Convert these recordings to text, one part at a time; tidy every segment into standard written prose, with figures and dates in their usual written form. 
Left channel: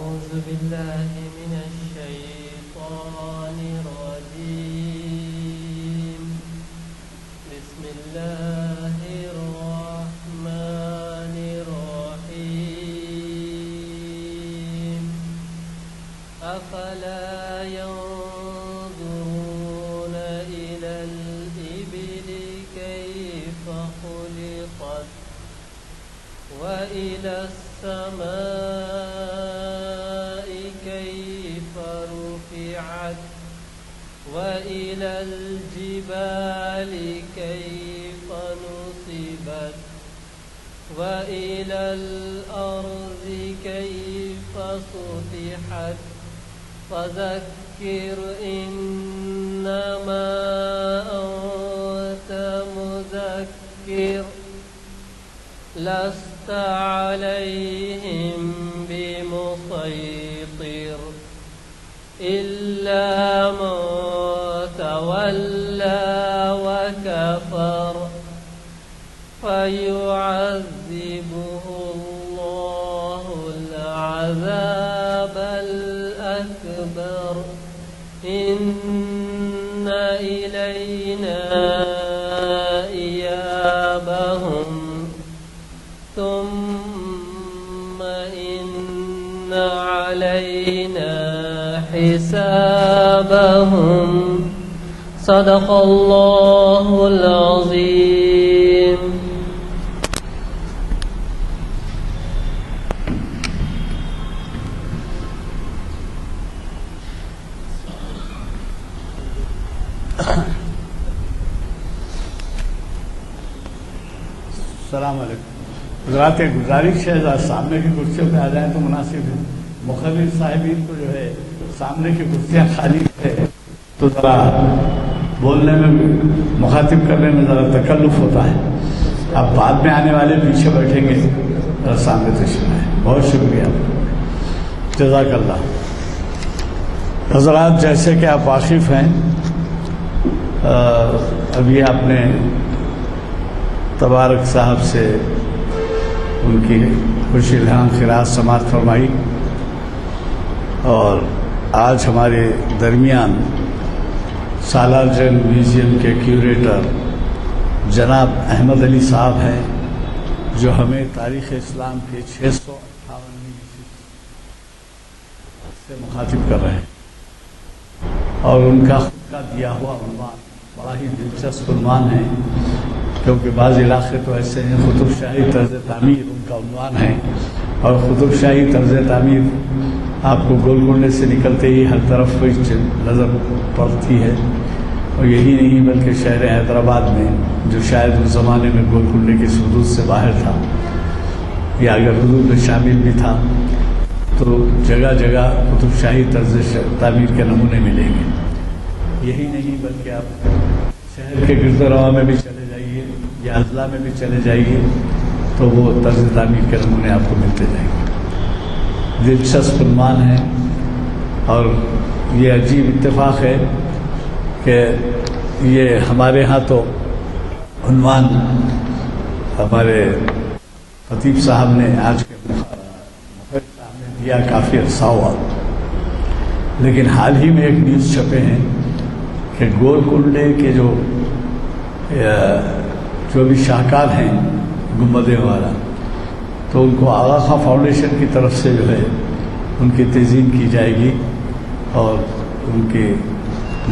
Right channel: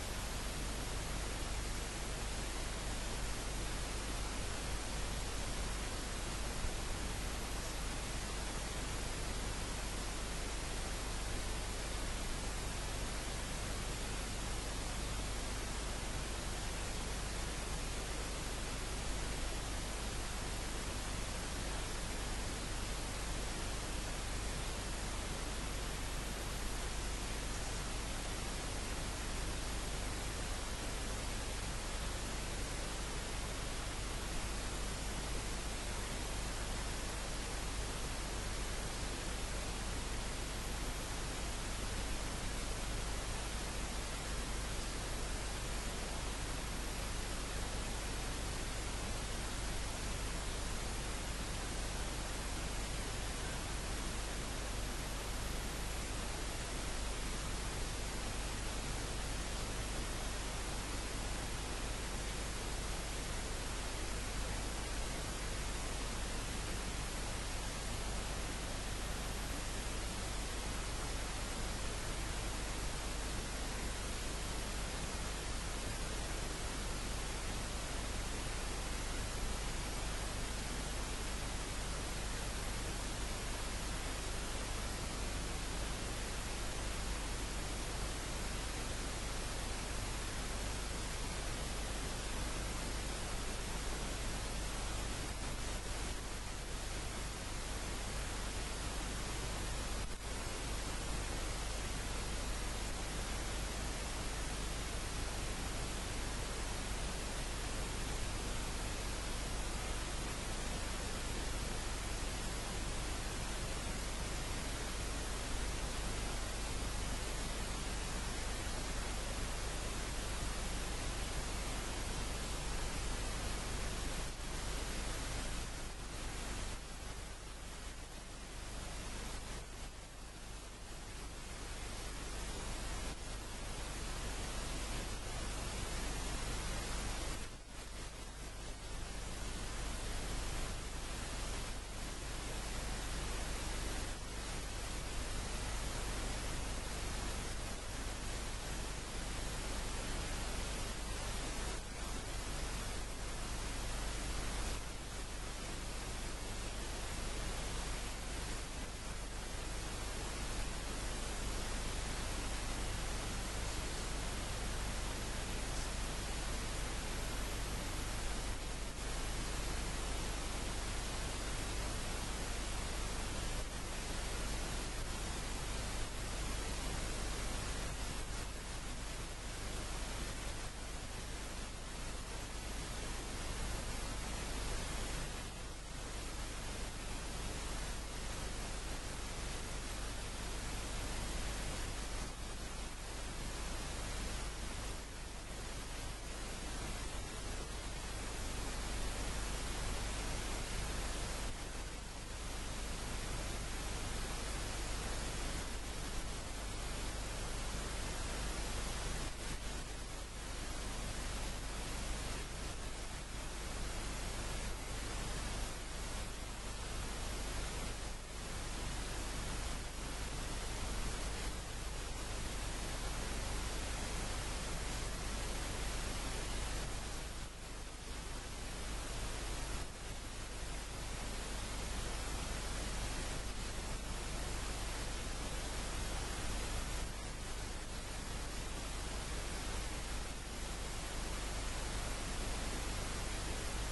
أعوذ بالله من الشيطان الرجيم. بسم الله الرحمن الرحيم. أفلا ينظرون إلى الإبل كيف خلقت وإلى السماء كيف رفعت وإلى الجبال كيف نصبت وإلى الأرض كيف سطحت فذكر إنما أنت مذكر لست عليهم بمسيطر إلا من تولى وكفر فيعذبه الله العذاب الأكبر إن إلينا إيابهم ثم إن علينا حسابهم. صدق الله العظيم. السلام علیکم حضرات. گزارش ہے سامنے کی کرسیوں پہ آ جائیں تو مناسب ہے. مقرر صاحبین کو جو ہے سامنے کی کرسیاں خالی ہے تو ذرا بولنے میں مخاطب کرنے میں ذرا تکلف ہوتا ہے. اب بعد میں آنے والے پیچھے بیٹھیں گے ذرا سامنے تشریف لائیں. بہت شکریہ, جزاک اللہ. حضرات جیسے کہ آپ واقف ہیں ابھی آپ نے تبارک صاحب سے ان کی خوش الہام خراج سماعت فرمائی اور آج ہمارے درمیان سالار جنگ میوزیم کے کیوریٹر جناب احمد علی صاحب ہیں جو ہمیں تاریخ اسلام کے 658 سے مخاطب کر رہے ہیں اور ان کا خود کا دیا ہوا عنوان بڑا ہی دلچسپ عنوان ہے کیونکہ بعض علاقے تو ایسے ہیں قطب شاہی طرز تعمیر ان کا عنوان ہے اور قطب شاہی طرز تعمیر آپ کو گولکنڈے سے نکلتے ہی ہر طرف نظر پڑتی ہے. اور یہی نہیں بلکہ شہر حیدرآباد میں جو شاید اس زمانے میں گولکنڈے کی حدود سے باہر تھا یا اگر حدود میں شامل بھی تھا تو جگہ جگہ قطب شاہی طرز تعمیر کے نمونے ملیں گے. یہی نہیں بلکہ آپ شہر کے گرد و رواں میں بھی چلے جائیے یا اضلاع میں بھی چلے جائیے تو وہ طرز تعمیر کے نمونے آپ کو ملتے جائیں گے. دلچسپ عنوان ہے اور یہ عجیب اتفاق ہے کہ یہ ہمارے ہاں تو عنوان ہمارے خطیب صاحب نے آج کے سامنے دیا کافی عرصہ ہوا, لیکن حال ہی میں ایک نیوز چھپے ہیں کہ گولکنڈے کے جو بھی شاہکار ہیں گنبدیں والا تو ان کو آغا خاں فاؤنڈیشن کی طرف سے جو ہے ان کی تزئین کی جائے گی اور ان کی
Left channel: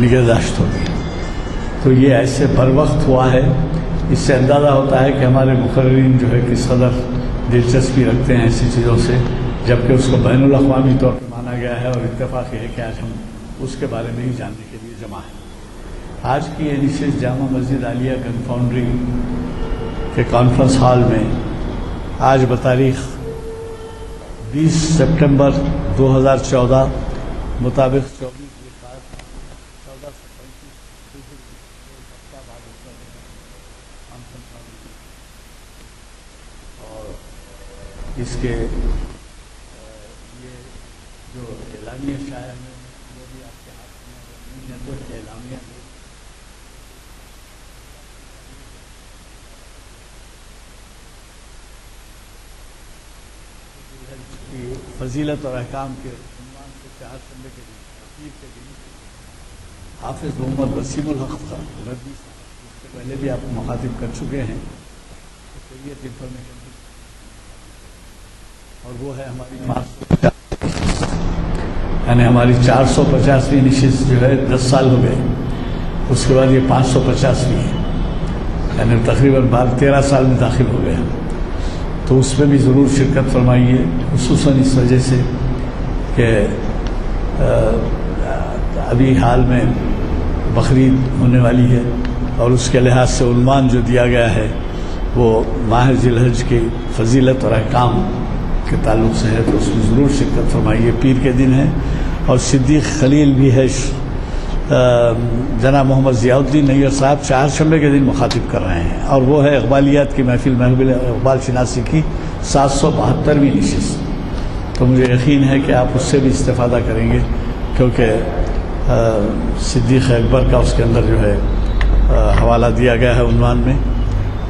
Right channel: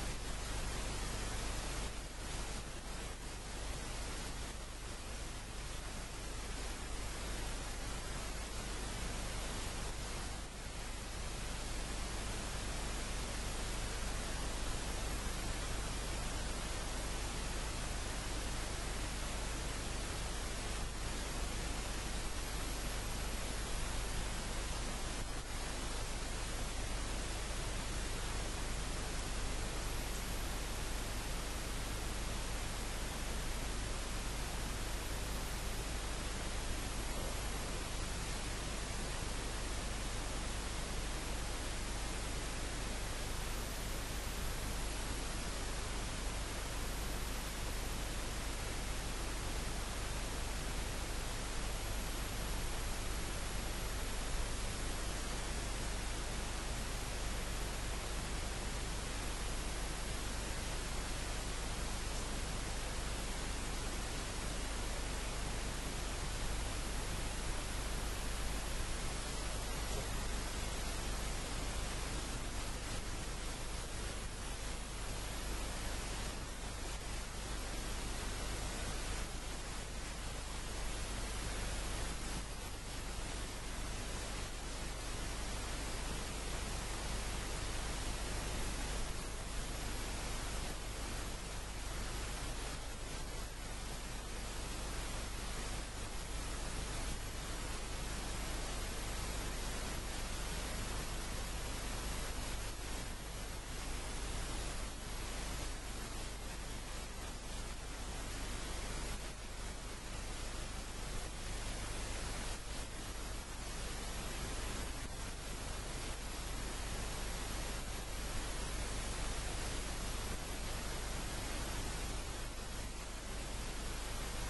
نگہداشت ہوگی. تو یہ ایسے بر وقت ہوا ہے. اس سے اندازہ ہوتا ہے کہ ہمارے مقررین جو ہے کس قدر دلچسپی رکھتے ہیں ایسی چیزوں سے, جبکہ اس کو بین الاقوامی طور پر مانا گیا ہے اور اتفاق یہ ہے کہ آج ہم اس کے بارے میں ہی جاننے کے لیے جمع ہیں. آج کی یہ نشست جامع مسجد عالیہ گن فاؤنڈری کے کانفرنس ہال میں آج بتاریخ 20 سپٹمبر 2014 مطابق 24 اس کے یہ جو اعلامیہ شاعر اعلامیہ فضیلت اور احکام کے عنوان سے 4 شنبے کے پیر کے دن حافظ محمد وسیم الحق کا رضی، اس سے پہلے بھی آپ مخاطب کر چکے ہیں، شریعت انفارمیشن، اور وہ ہے ہماری یعنی ہماری 450ویں نشست جو ہے 10 سال ہو گئے، اس کے بعد یہ 550ویں ہے، یعنی تقریباً 12-13 سال میں داخل ہو گئے، تو اس میں بھی ضرور شرکت فرمائیے، خصوصاً اس وجہ سے کہ ابھی حال میں بقرعید ہونے والی ہے، اور اس کے لحاظ سے عنوان جو دیا گیا ہے وہ ماہ ذی الحج کی فضیلت اور احکام کے تعلق سے ہے، تو اس میں ضرور شرکت فرمائیے۔ پیر کے دن ہے، اور صدیق خلیل بھی ہے، جناب محمد ضیاء الدین نیّر صاحب 4 شنبے کے دن مخاطب کر رہے ہیں، اور وہ ہے اقبالیات کی محفل اقبال شناسی کی 772ویں نشست، تو مجھے یقین ہے کہ آپ اس سے بھی استفادہ کریں گے، کیونکہ صدیق اکبر کا اس کے اندر جو ہے حوالہ دیا گیا ہے عنوان میں،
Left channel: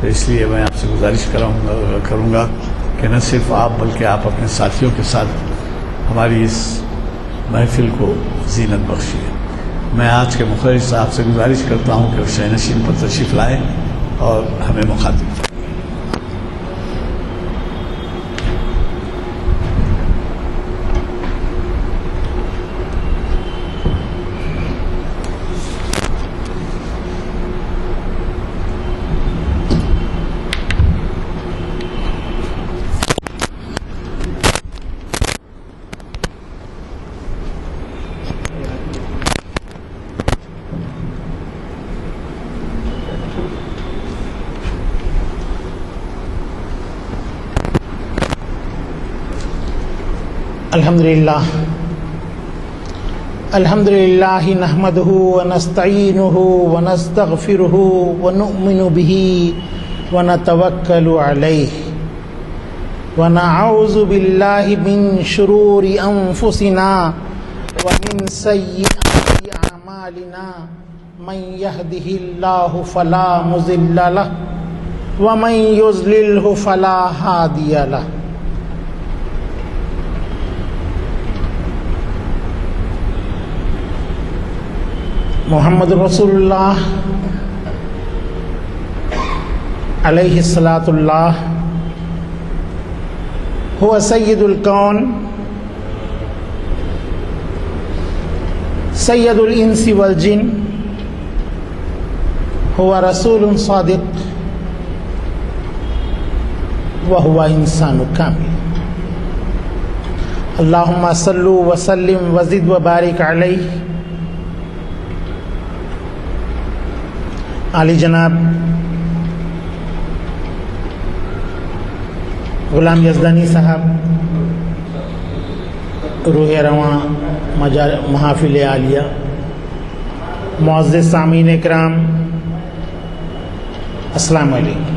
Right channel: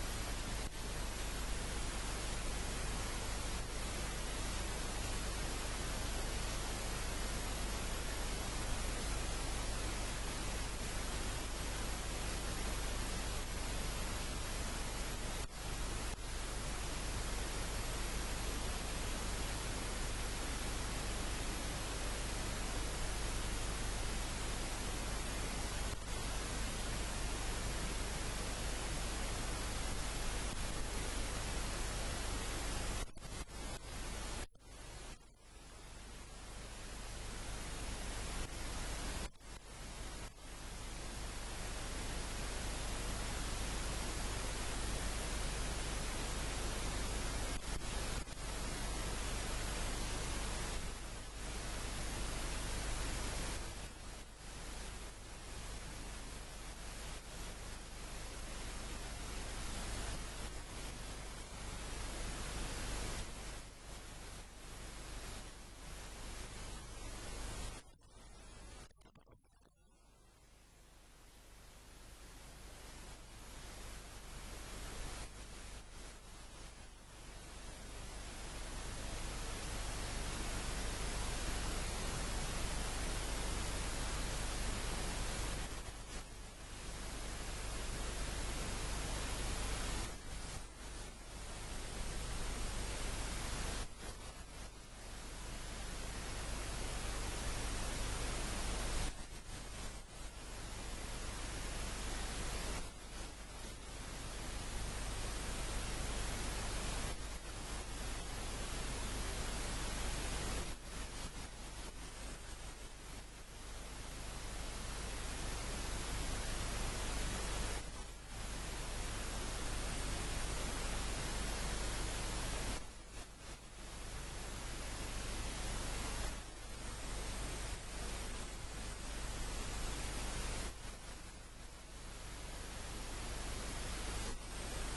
تو اس لیے میں آپ سے گزارش کروں گا کہ نہ صرف آپ بلکہ آپ اپنے ساتھیوں کے ساتھ ہماری اس محفل کو زینت بخشیے۔ میں آج کے مخرج صاحب سے گزارش کرتا ہوں کہ وہ شہ نشین پر تشریف لائیں اور ہمیں مخاطب کریں۔ الحمدللہ نحمده ونستعینه ونستغفره ونؤمن به ونتوکل علیہ ونعوذ باللہ من شرور انفسنا ومن سیئات اعمالنا من يهده اللہ فلا مضل له ومن يضلله فلا ہادی له۔ محمد رسول اللہ علیہ الصلاۃ اللہ هو سید الکون سید الانس والجن، هو رسول صادق وهو انسان کامل۔ اللہم صل وسلم وزد وبارک علیہ۔ علی جناب غلام یزدانی صاحب، روح رواں محافل عالیہ، معزز سامعین کرام، السلام علیکم۔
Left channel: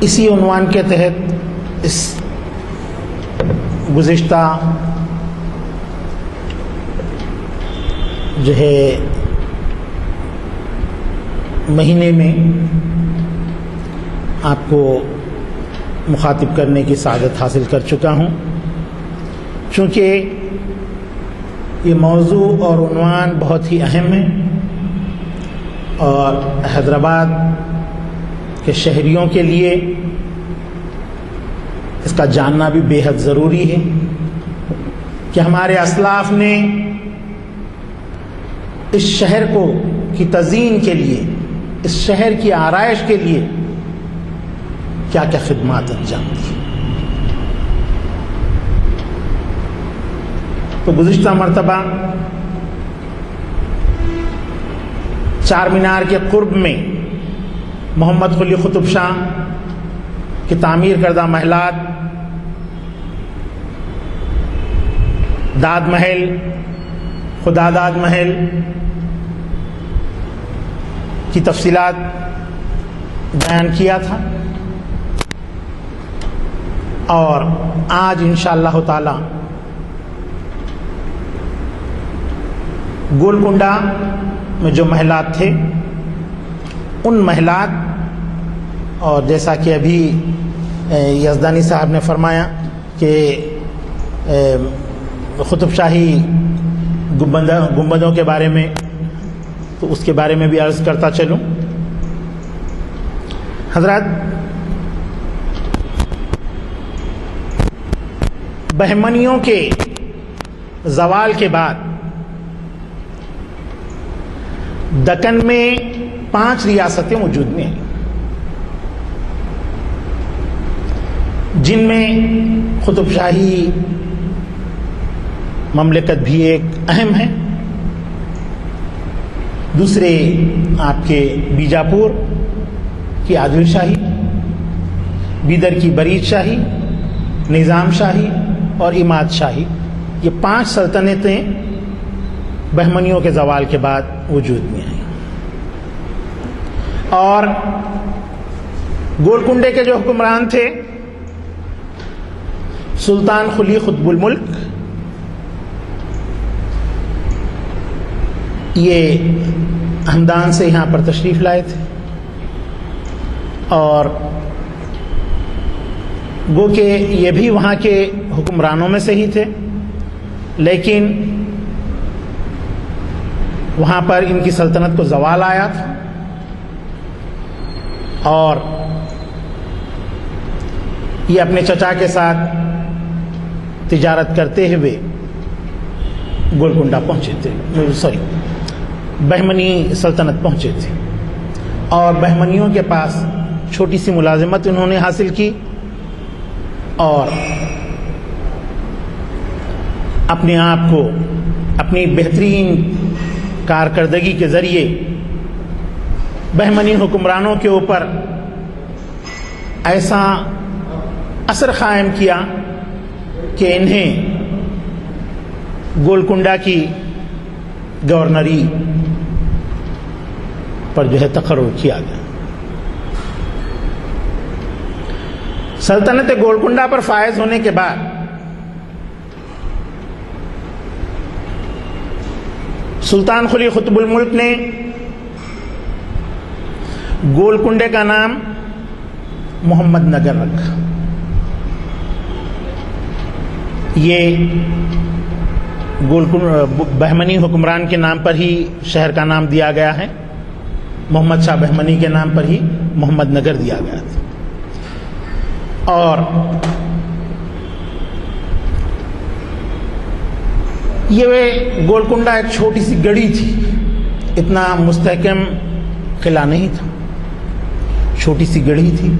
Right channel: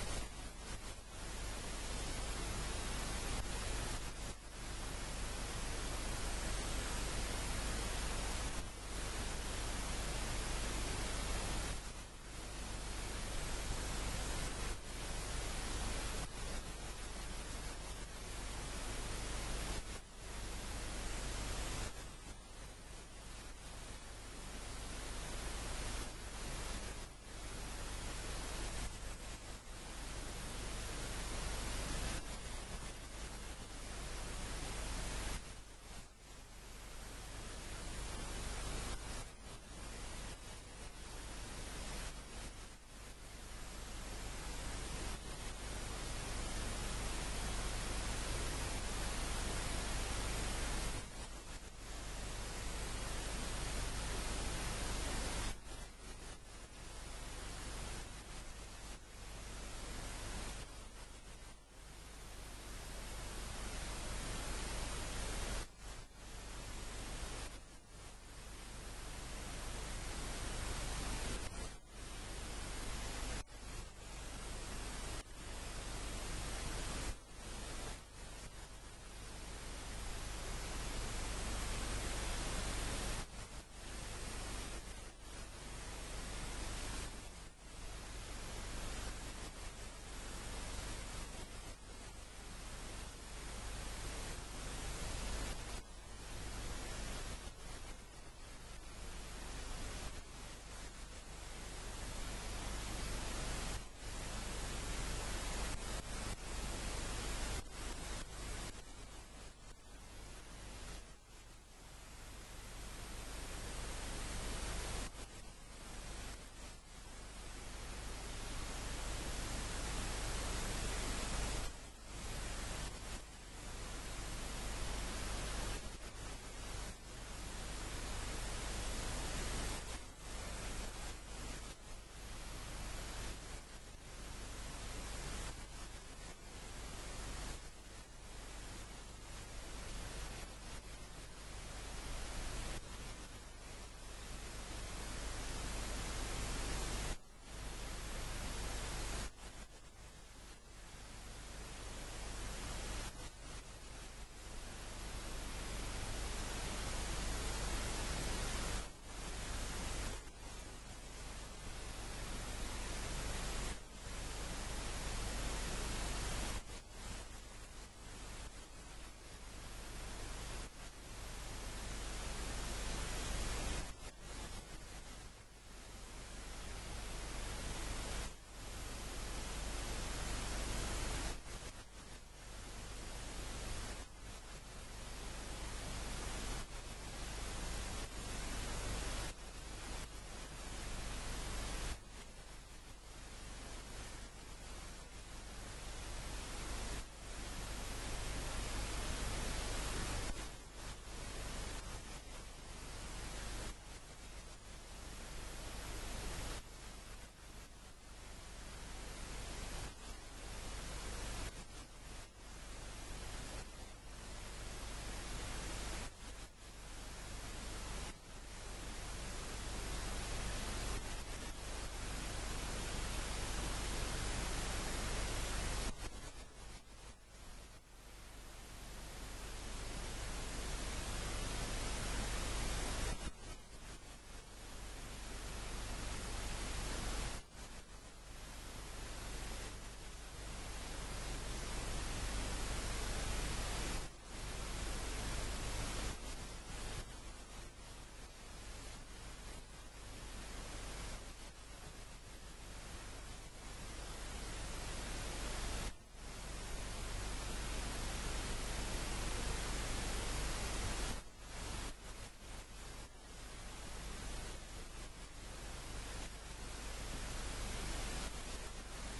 اسی عنوان کے تحت اس گزشتہ جو ہے مہینے میں آپ کو مخاطب کرنے کی سعادت حاصل کر چکا ہوں، چونکہ یہ موضوع اور عنوان بہت ہی اہم ہے، اور حیدرآباد کے شہریوں کے لیے اس کا جاننا بھی بے حد ضروری ہے کہ ہمارے اسلاف نے اس شہر کی تزئین کے لیے، اس شہر کی آرائش کے لیے کیا کیا خدمات انجام دی۔ تو گزشتہ مرتبہ چار مینار کے قرب میں محمد قلی قطب شاہ کی تعمیر کردہ محلات، داد محل، خدا داد محل کی تفصیلات بیان کیا تھا، اور آج انشاءاللہ تعالی گولکنڈہ میں جو محلات تھے ان محلات، اور جیسا کہ ابھی یزدانی صاحب نے فرمایا کہ قطب شاہی گنبدوں کے بارے میں، تو اس کے بارے میں بھی عرض کرتا چلوں. حضرات، بہمنیوں کے زوال کے بعد دکن میں 5 ریاستیں وجود میں آئیں، جن میں قطب شاہی مملکت بھی ایک اہم ہے. دوسرے آپ کے بیجاپور کی عادل شاہی، بیدر کی برید شاہی، نظام شاہی اور اماد شاہی، یہ 5 سلطنتیں بہمنیوں کے زوال کے بعد وجود میں آئیں. اور گولکنڈے کے جو حکمران تھے سلطان قلی قطب الملک، یہ ہمدان سے یہاں پر تشریف لائے تھے، اور گو کہ یہ بھی وہاں کے حکمرانوں میں سے ہی تھے، لیکن وہاں پر ان کی سلطنت کو زوال آیا تھا، اور یہ اپنے چچا کے ساتھ تجارت کرتے ہوئے گولکنڈہ پہنچے تھے، بہمنی سلطنت پہنچے تھے، اور بہمنیوں کے پاس چھوٹی سی ملازمت انہوں نے حاصل کی، اور اپنے آپ کو اپنی بہترین کارکردگی کے ذریعے بہمنی حکمرانوں کے اوپر ایسا اثر قائم کیا کہ انہیں گولکنڈہ کی گورنری پر جو ہے تقرر کیا گیا. سلطنت گولکنڈہ پر فائز ہونے کے بعد سلطان قلی قطب الملک نے گولکنڈے کا نام محمد نگر رکھا. یہ بہمنی حکمران کے نام پر ہی شہر کا نام دیا گیا ہے، محمد شاہ بہمنی کے نام پر ہی محمد نگر دیا گیا تھا. اور یہ گولکنڈہ ایک چھوٹی سی گڑھی تھی، اتنا مستحکم قلعہ نہیں تھا، چھوٹی سی گڑھی تھی.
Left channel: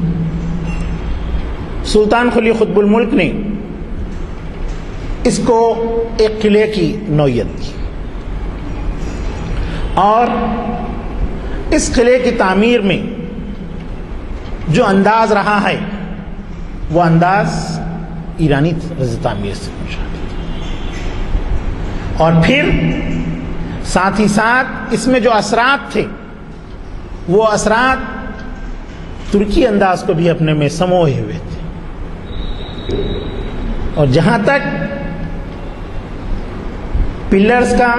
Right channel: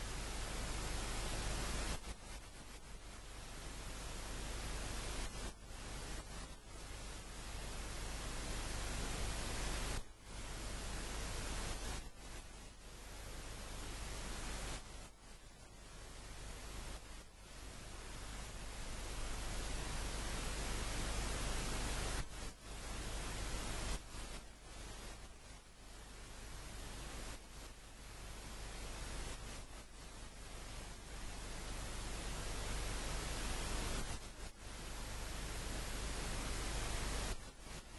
سلطان قلی قطب الملک نے اس کو ایک قلعے کی نوعیت دی، اور اس قلعے کی تعمیر میں جو انداز رہا ہے وہ انداز ایرانی طرز تعمیر سے پوچھا، اور پھر ساتھ ہی ساتھ اس میں جو اثرات تھے وہ اثرات ترکی انداز کو بھی اپنے میں سموئے ہوئے تھے. اور جہاں تک پلرز کا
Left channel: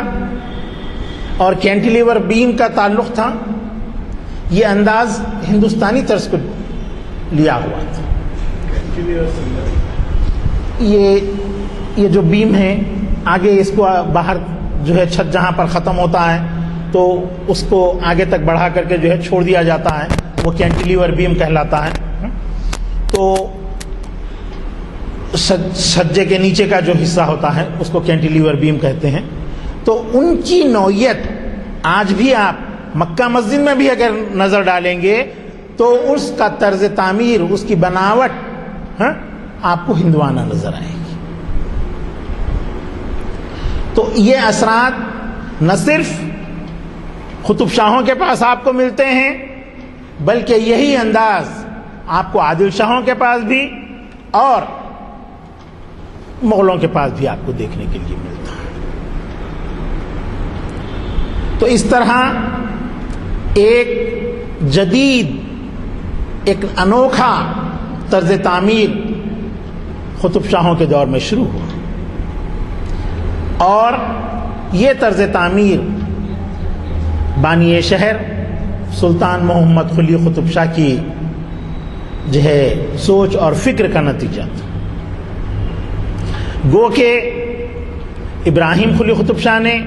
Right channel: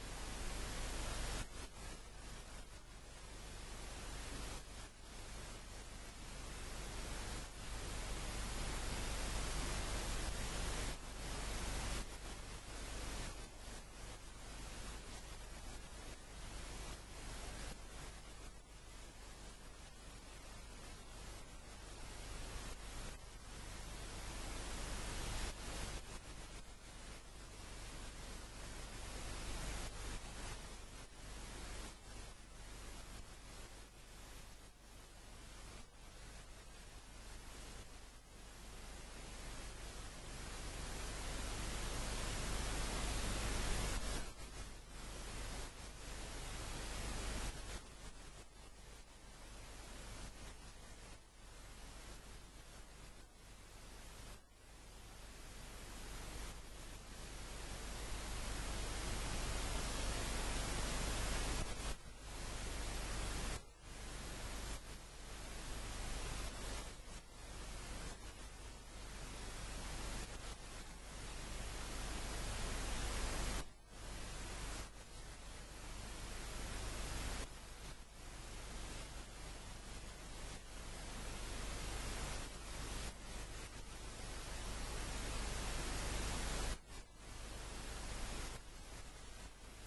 اور کینٹیلیور بیم کا تعلق تھا، یہ انداز ہندوستانی طرز کو لیا ہوا تھا. یہ جو بیم ہے، آگے اس کو باہر جو ہے چھت جہاں پر ختم ہوتا ہے تو اس کو آگے تک بڑھا کر کے جو ہے چھوڑ دیا جاتا ہے، وہ کینٹیلیور بیم کہلاتا ہے. تو سجے کے نیچے کا جو حصہ ہوتا ہے اس کو کینٹیلیور بیم کہتے ہیں. تو ان کی نوعیت آج بھی آپ مکہ مسجد میں بھی اگر نظر ڈالیں گے تو اس کا طرز تعمیر، اس کی بناوٹ آپ کو ہندوانہ نظر آئے گی. تو یہ اثرات نہ صرف قطب شاہوں کے پاس آپ کو ملتے ہیں، بلکہ یہی انداز آپ کو عادل شاہوں کے پاس بھی اور مغلوں کے پاس بھی آپ کو دیکھنے کے لیے ملتا ہے. تو اس طرح ایک جدید، ایک انوکھا طرز تعمیر قطب شاہوں کے دور میں شروع ہوا، اور یہ طرز تعمیر بانی شہر سلطان محمد قلی قطب شاہ کی جو ہے سوچ اور فکر کا نتیجہ تھا۔ گو کہ ابراہیم قلی قطب شاہ نے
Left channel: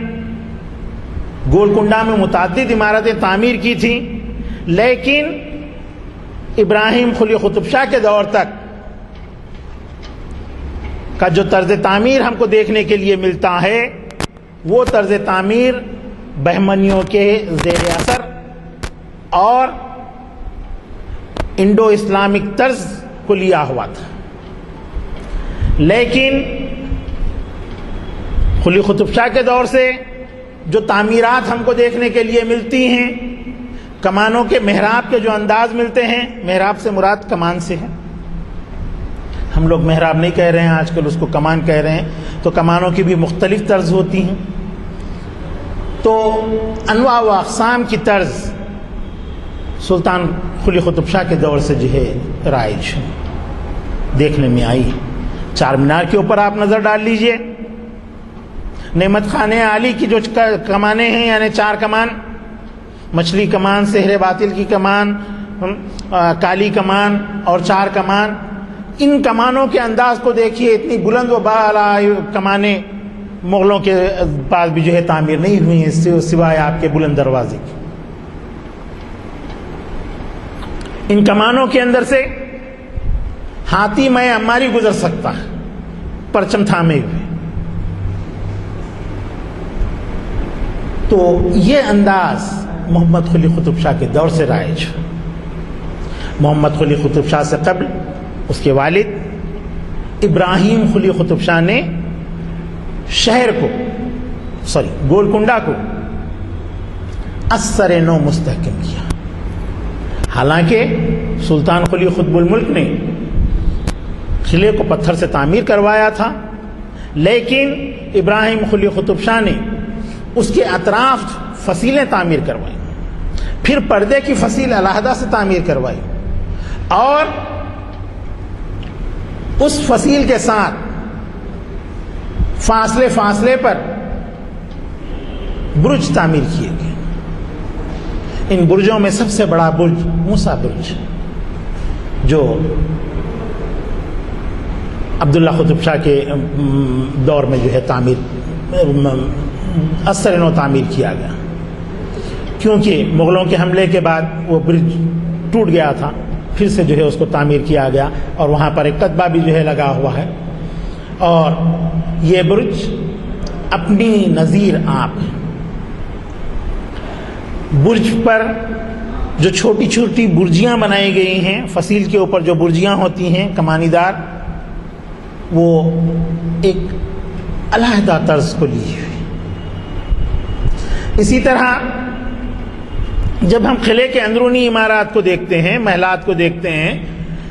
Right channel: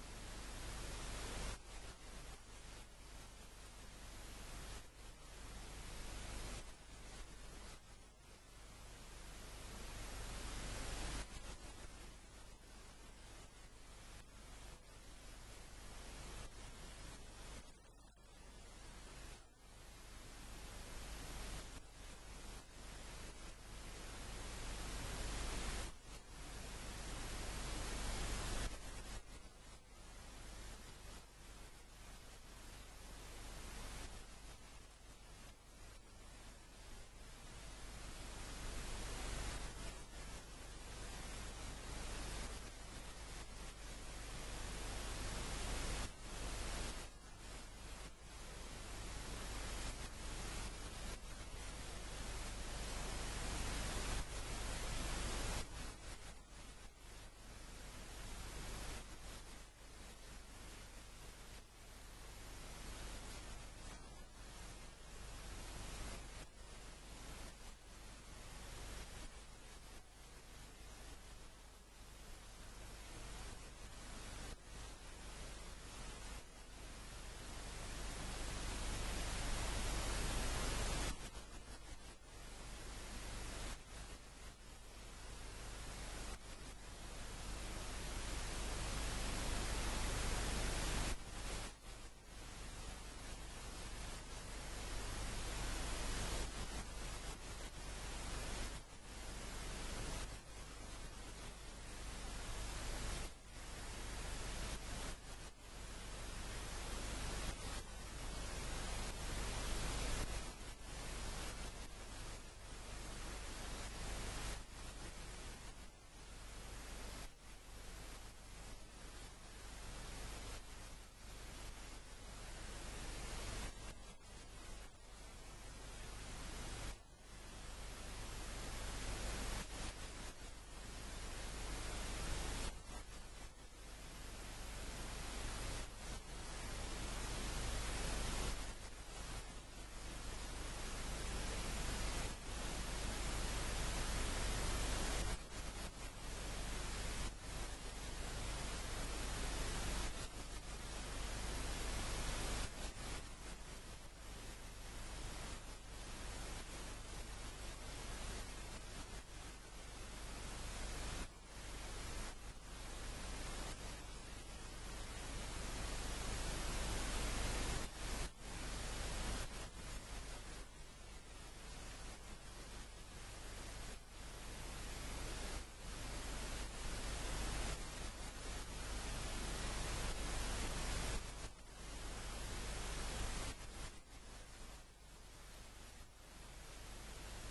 گولکنڈہ میں متعدد عمارتیں تعمیر کی تھیں، لیکن ابراہیم قلی قطب شاہ کے دور تک کا جو طرز تعمیر ہم کو دیکھنے کے لیے ملتا ہے وہ طرز تعمیر بہمنیوں کے زیر اثر اور انڈو اسلامک طرز کو لیا ہوا تھا۔ لیکن قلی قطب شاہ کے دور سے جو تعمیرات ہم کو دیکھنے کے لیے ملتی ہیں، کمانوں کے محراب کے جو انداز ملتے ہیں، محراب سے مراد کمان سے ہے، ہم لوگ محراب نہیں کہہ رہے ہیں آج کل، اس کو کمان کہہ رہے ہیں، تو کمانوں کی بھی مختلف طرز ہوتی ہیں، تو انواع و اقسام کی طرز سلطان قلی قطب شاہ کے دور سے جو ہے رائج دیکھنے میں آئی۔ چار مینار کے اوپر آپ نظر ڈال لیجئے، نعمت خانہ عالی کی جو کمانیں ہیں، یعنی چار کمان، مچھلی کمان، سحر باطل کی کمان، کالی کمان اور چار کمان، ان کمانوں کے انداز کو دیکھیے، اتنی بلند و بالا کمانیں مغلوں کے پاس بھی جو ہے تعمیر نہیں ہوئی ہیں سوائے آپ کے بلند دروازے کی۔ ان کمانوں کے اندر سے ہاتھی میں اماری گزر سکتا ہے پرچم تھامے ہوئے۔ تو یہ انداز محمد قلی قطب شاہ کے دور سے رائج۔ محمد قلی قطب شاہ سے قبل اس کے والد ابراہیم قلی قطب شاہ نے شہر کو گولکنڈہ کو اثر نو مستحکم کیا۔ حالانکہ سلطان قلی قطب الملک نے قلعے کو پتھر سے تعمیر کروایا تھا، لیکن ابراہیم قلی قطب شاہ نے اس کے اطراف فصیلیں تعمیر کروائیں، پھر پردے کی فصیل علیحدہ سے تعمیر کروائی، اور اس فصیل کے ساتھ فاصلے پر برج تعمیر کیے گئے۔ ان برجوں میں سب سے بڑا برج موسیٰ برج، جو عبداللہ قطب شاہ کے دور میں جو ہے اثر نو تعمیر کیا گیا، کیونکہ مغلوں کے حملے کے بعد وہ برج ٹوٹ گیا تھا، پھر سے جو ہے اس کو تعمیر کیا گیا، اور وہاں پر ایک کتبہ بھی جو ہے لگا ہوا ہے، اور یہ برج اپنی نظیر آپ ہے۔ برج پر جو چھوٹی چھوٹی برجیاں بنائی گئی ہیں، فصیل کے اوپر جو برجیاں ہوتی ہیں کمانی دار، وہ ایک علیحدہ طرز کو لی ہوئی۔ اسی طرح جب ہم قلعے کے اندرونی عمارات کو دیکھتے ہیں، محلات کو دیکھتے ہیں،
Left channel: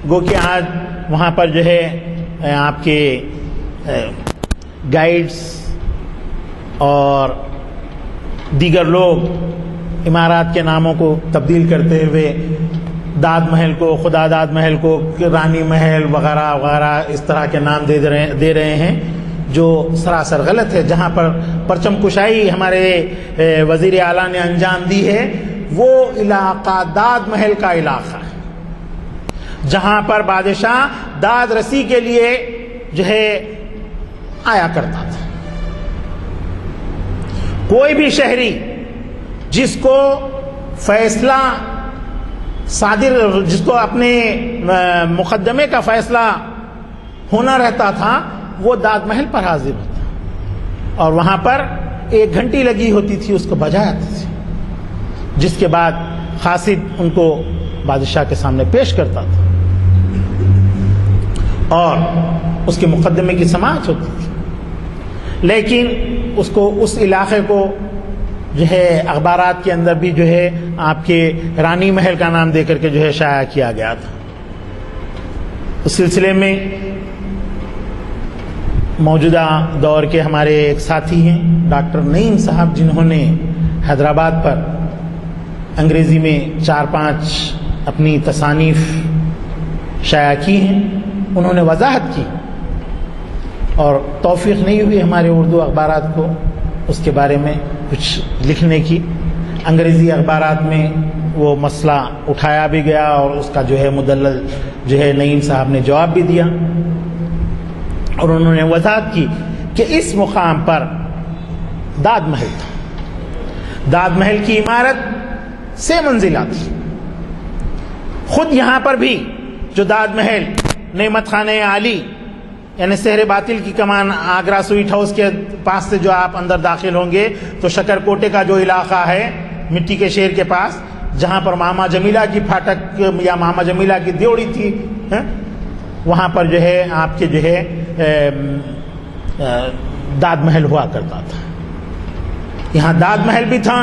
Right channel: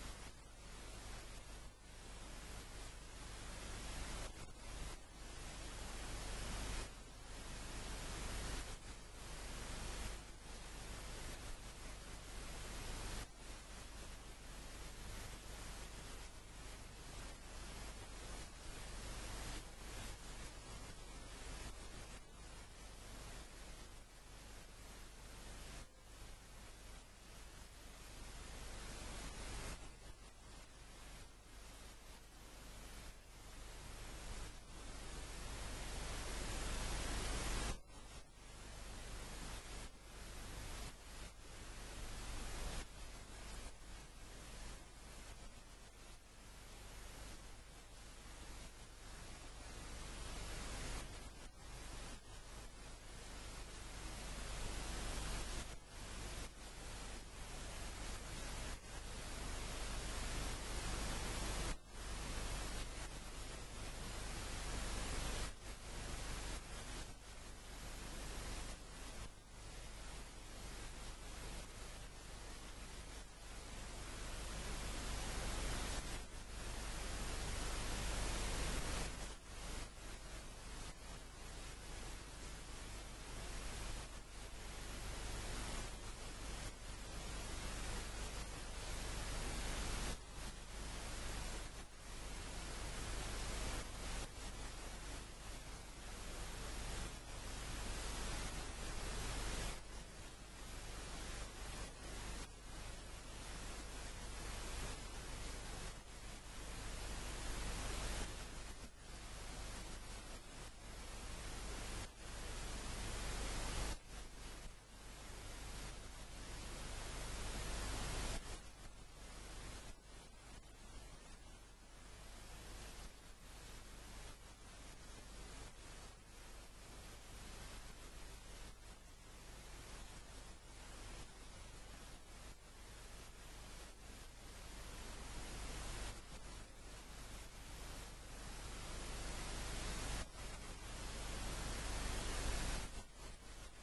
گو کہ آج وہاں پر جو ہے آپ کے گائیڈز اور دیگر لوگ عمارات کے ناموں کو تبدیل کرتے ہوئے داد محل کو، خدا داد محل کو رانی محل وغیرہ وغیرہ اس طرح کے نام دے رہے ہیں، جو سراسر غلط ہے۔ جہاں پر پرچم کشائی ہمارے وزیر اعلیٰ نے انجام دی ہے، وہ علاقہ داد محل کا علاقہ ہے، جہاں پر بادشاہ داد رسی کے لیے جو ہے آیا کرتا تھا۔ کوئی بھی شہری جس کو فیصلہ جس کو اپنے مقدمے کا فیصلہ ہونا رہتا تھا، وہ داد محل پر حاضر ہوتا، اور وہاں پر 1 گھنٹی لگی ہوتی تھی، اس کو بجاتی تھی، جس کے بعد قاصد ان کو بادشاہ کے سامنے پیش کرتا تھا، اور اس کے مقدمے کی سماعت ہوتی تھی۔ لیکن اس علاقے کو جو ہے اخبارات کے اندر بھی جو ہے آپ کے رانی محل کا نام دے کر کے جو ہے شائع کیا گیا تھا۔ اس سلسلے میں موجودہ دور کے ہمارے ایک ساتھی ہیں ڈاکٹر نعیم صاحب، جنہوں نے حیدرآباد پر انگریزی میں 4-5 اپنی تصانیف شائع کی ہیں، انہوں نے وضاحت کی، اور توفیق نہیں ہوئی ہمارے اردو اخبارات کو اس کے بارے میں کچھ لکھنے کی۔ انگریزی اخبارات میں وہ مسئلہ اٹھایا بھی گیا اور اس کا جو ہے مدلل جو ہے نعیم صاحب نے جواب بھی دیا، اور انہوں نے وضاحت کی کہ اس مقام پر داد محل تھا، داد محل کی عمارت 6 منزلہ تھی۔ خود یہاں پر بھی جو داد محل نعمت خانہ عالی یعنی سحر باطل کی کمان آگرہ سویٹ ہاؤس کے پاس سے جو آپ اندر داخل ہوں گے تو شکر کوٹے کا جو علاقہ ہے مٹی کے شیر کے پاس، جہاں پر ماما جمیلہ کی پھاٹک یا ماما جمیلہ کی دیوڑی تھی، وہاں پر جو ہے آپ کے جو ہے داد محل ہوا کرتا تھا۔ یہاں داد محل بھی تھا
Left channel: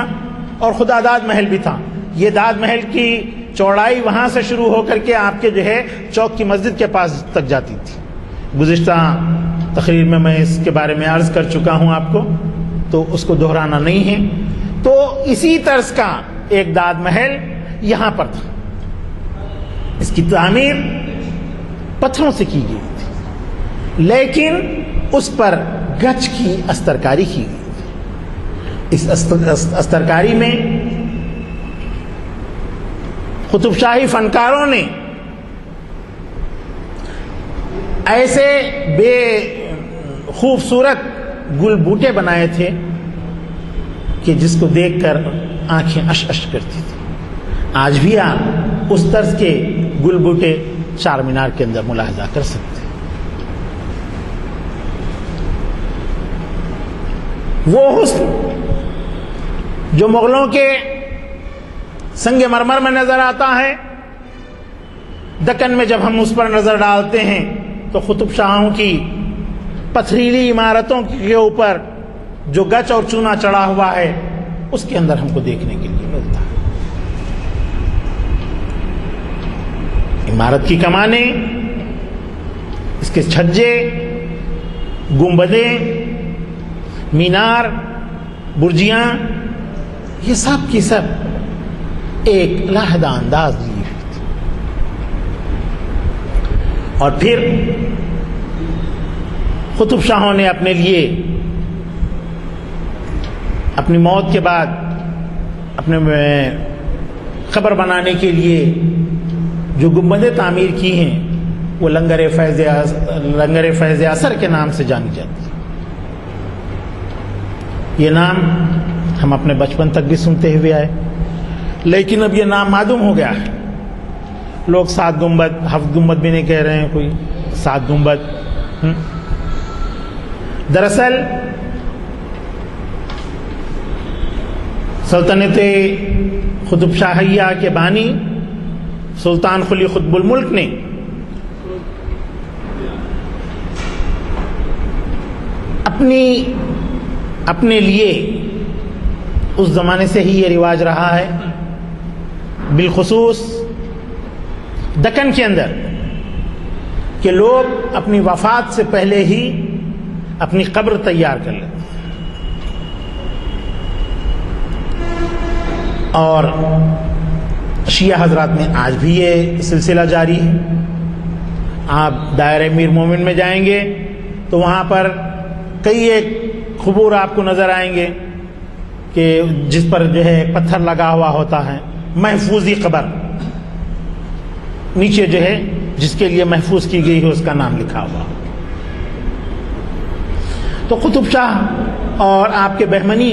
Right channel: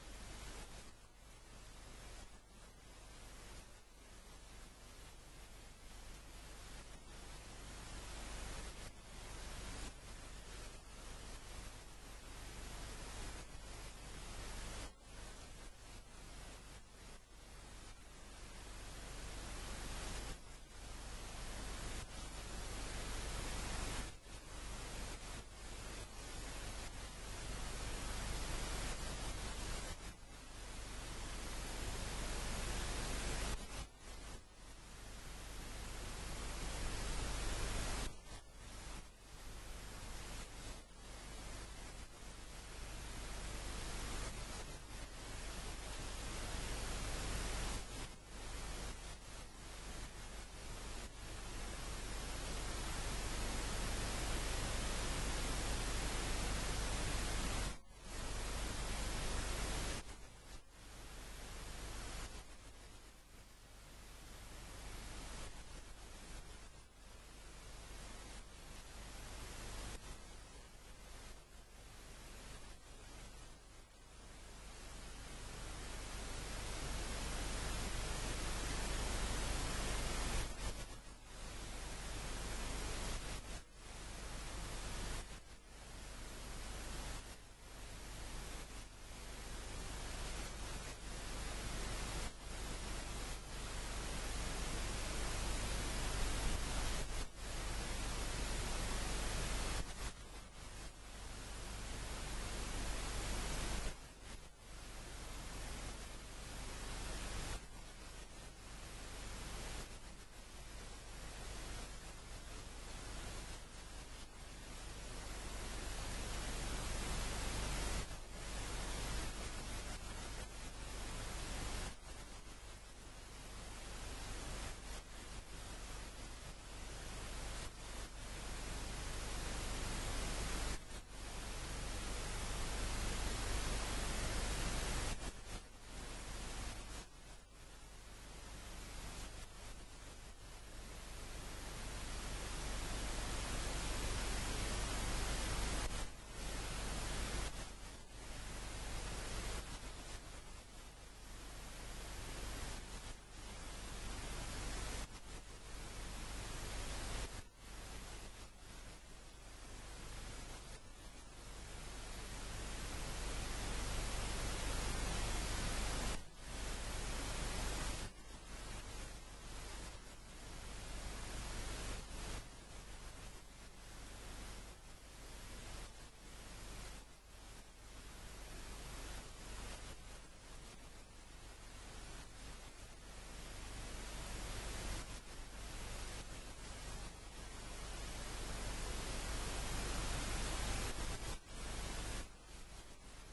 اور خدا داد محل بھی تھا۔ یہ داد محل کی چوڑائی وہاں سے شروع ہو کر کے آپ کے جو ہے چوک کی مسجد کے پاس تک جاتی تھی۔ گزشتہ تقریر میں اس کے بارے میں عرض کر چکا ہوں آپ کو، تو اس کو دہرانا نہیں ہے۔ تو اسی طرز کا ایک داد محل یہاں پر تھا، اس کی تعمیر پتھروں سے کی گئی تھی، لیکن اس پر گچ کی استرکاری کی گئی تھی۔ اس استرکاری میں قطب شاہی فنکاروں نے ایسے بے خوبصورت گل بوٹے بنائے تھے کہ جس کو دیکھ کر آنکھیں اش اش کرتی تھی۔ آج بھی آپ اس طرز کے گل بوٹے چار مینار کے اندر ملاحظہ کر سکتے ہیں۔ وہ حسن جو مغلوں کے سنگ مرمر میں نظر آتا ہے، دکن میں جب ہم اس پر نظر ڈالتے ہیں تو قطب شاہوں کی پتھریلی عمارتوں کے اوپر جو گچ اور چونا چڑھا ہوا ہے اس کے اندر ہم کو دیکھنے کے لیے ملتا ہے۔ عمارت کی کمانیں، اس کے چھجے، گنبدیں، مینار، برجیاں، یہ سب کی سب ایک علیحدہ انداز لی ہوئی تھی۔ اور پھر قطب شاہوں نے اپنے لیے اپنی موت کے بعد اپنے قبر بنانے کے لیے جو گنبدیں تعمیر کی ہیں وہ لنگر فیض اثر کے نام سے جانی جاتی ہے۔ یہ نام ہم اپنے بچپن تک بھی سنتے ہوئے آئے، لیکن اب یہ نام معدوم ہو گیا ہے۔ لوگ 7 گنبد 7 گنبد بھی نہیں کہہ رہے ہیں، کوئی 7 گنبد۔ دراصل سلطنت قطب شاہیہ کے بانی سلطان قلی قطب الملک نے اپنے لیے اس زمانے سے ہی یہ رواج رہا ہے، بالخصوص دکن کے اندر، کہ لوگ اپنی وفات سے پہلے ہی اپنی قبر تیار کر لیتے، اور شیعہ حضرات میں آج بھی یہ سلسلہ جاری ہے۔ آپ دائرہ امیر مومن میں جائیں گے تو وہاں پر کئی ایک قبور آپ کو نظر آئیں گے کہ جس پر جو ہے پتھر لگا ہوا ہوتا ہے، محفوظی قبر، نیچے جو ہے جس کے لیے محفوظ کی گئی ہے اس کا نام لکھا ہوا۔ تو قطب شاہ اور آپ کے بہمنی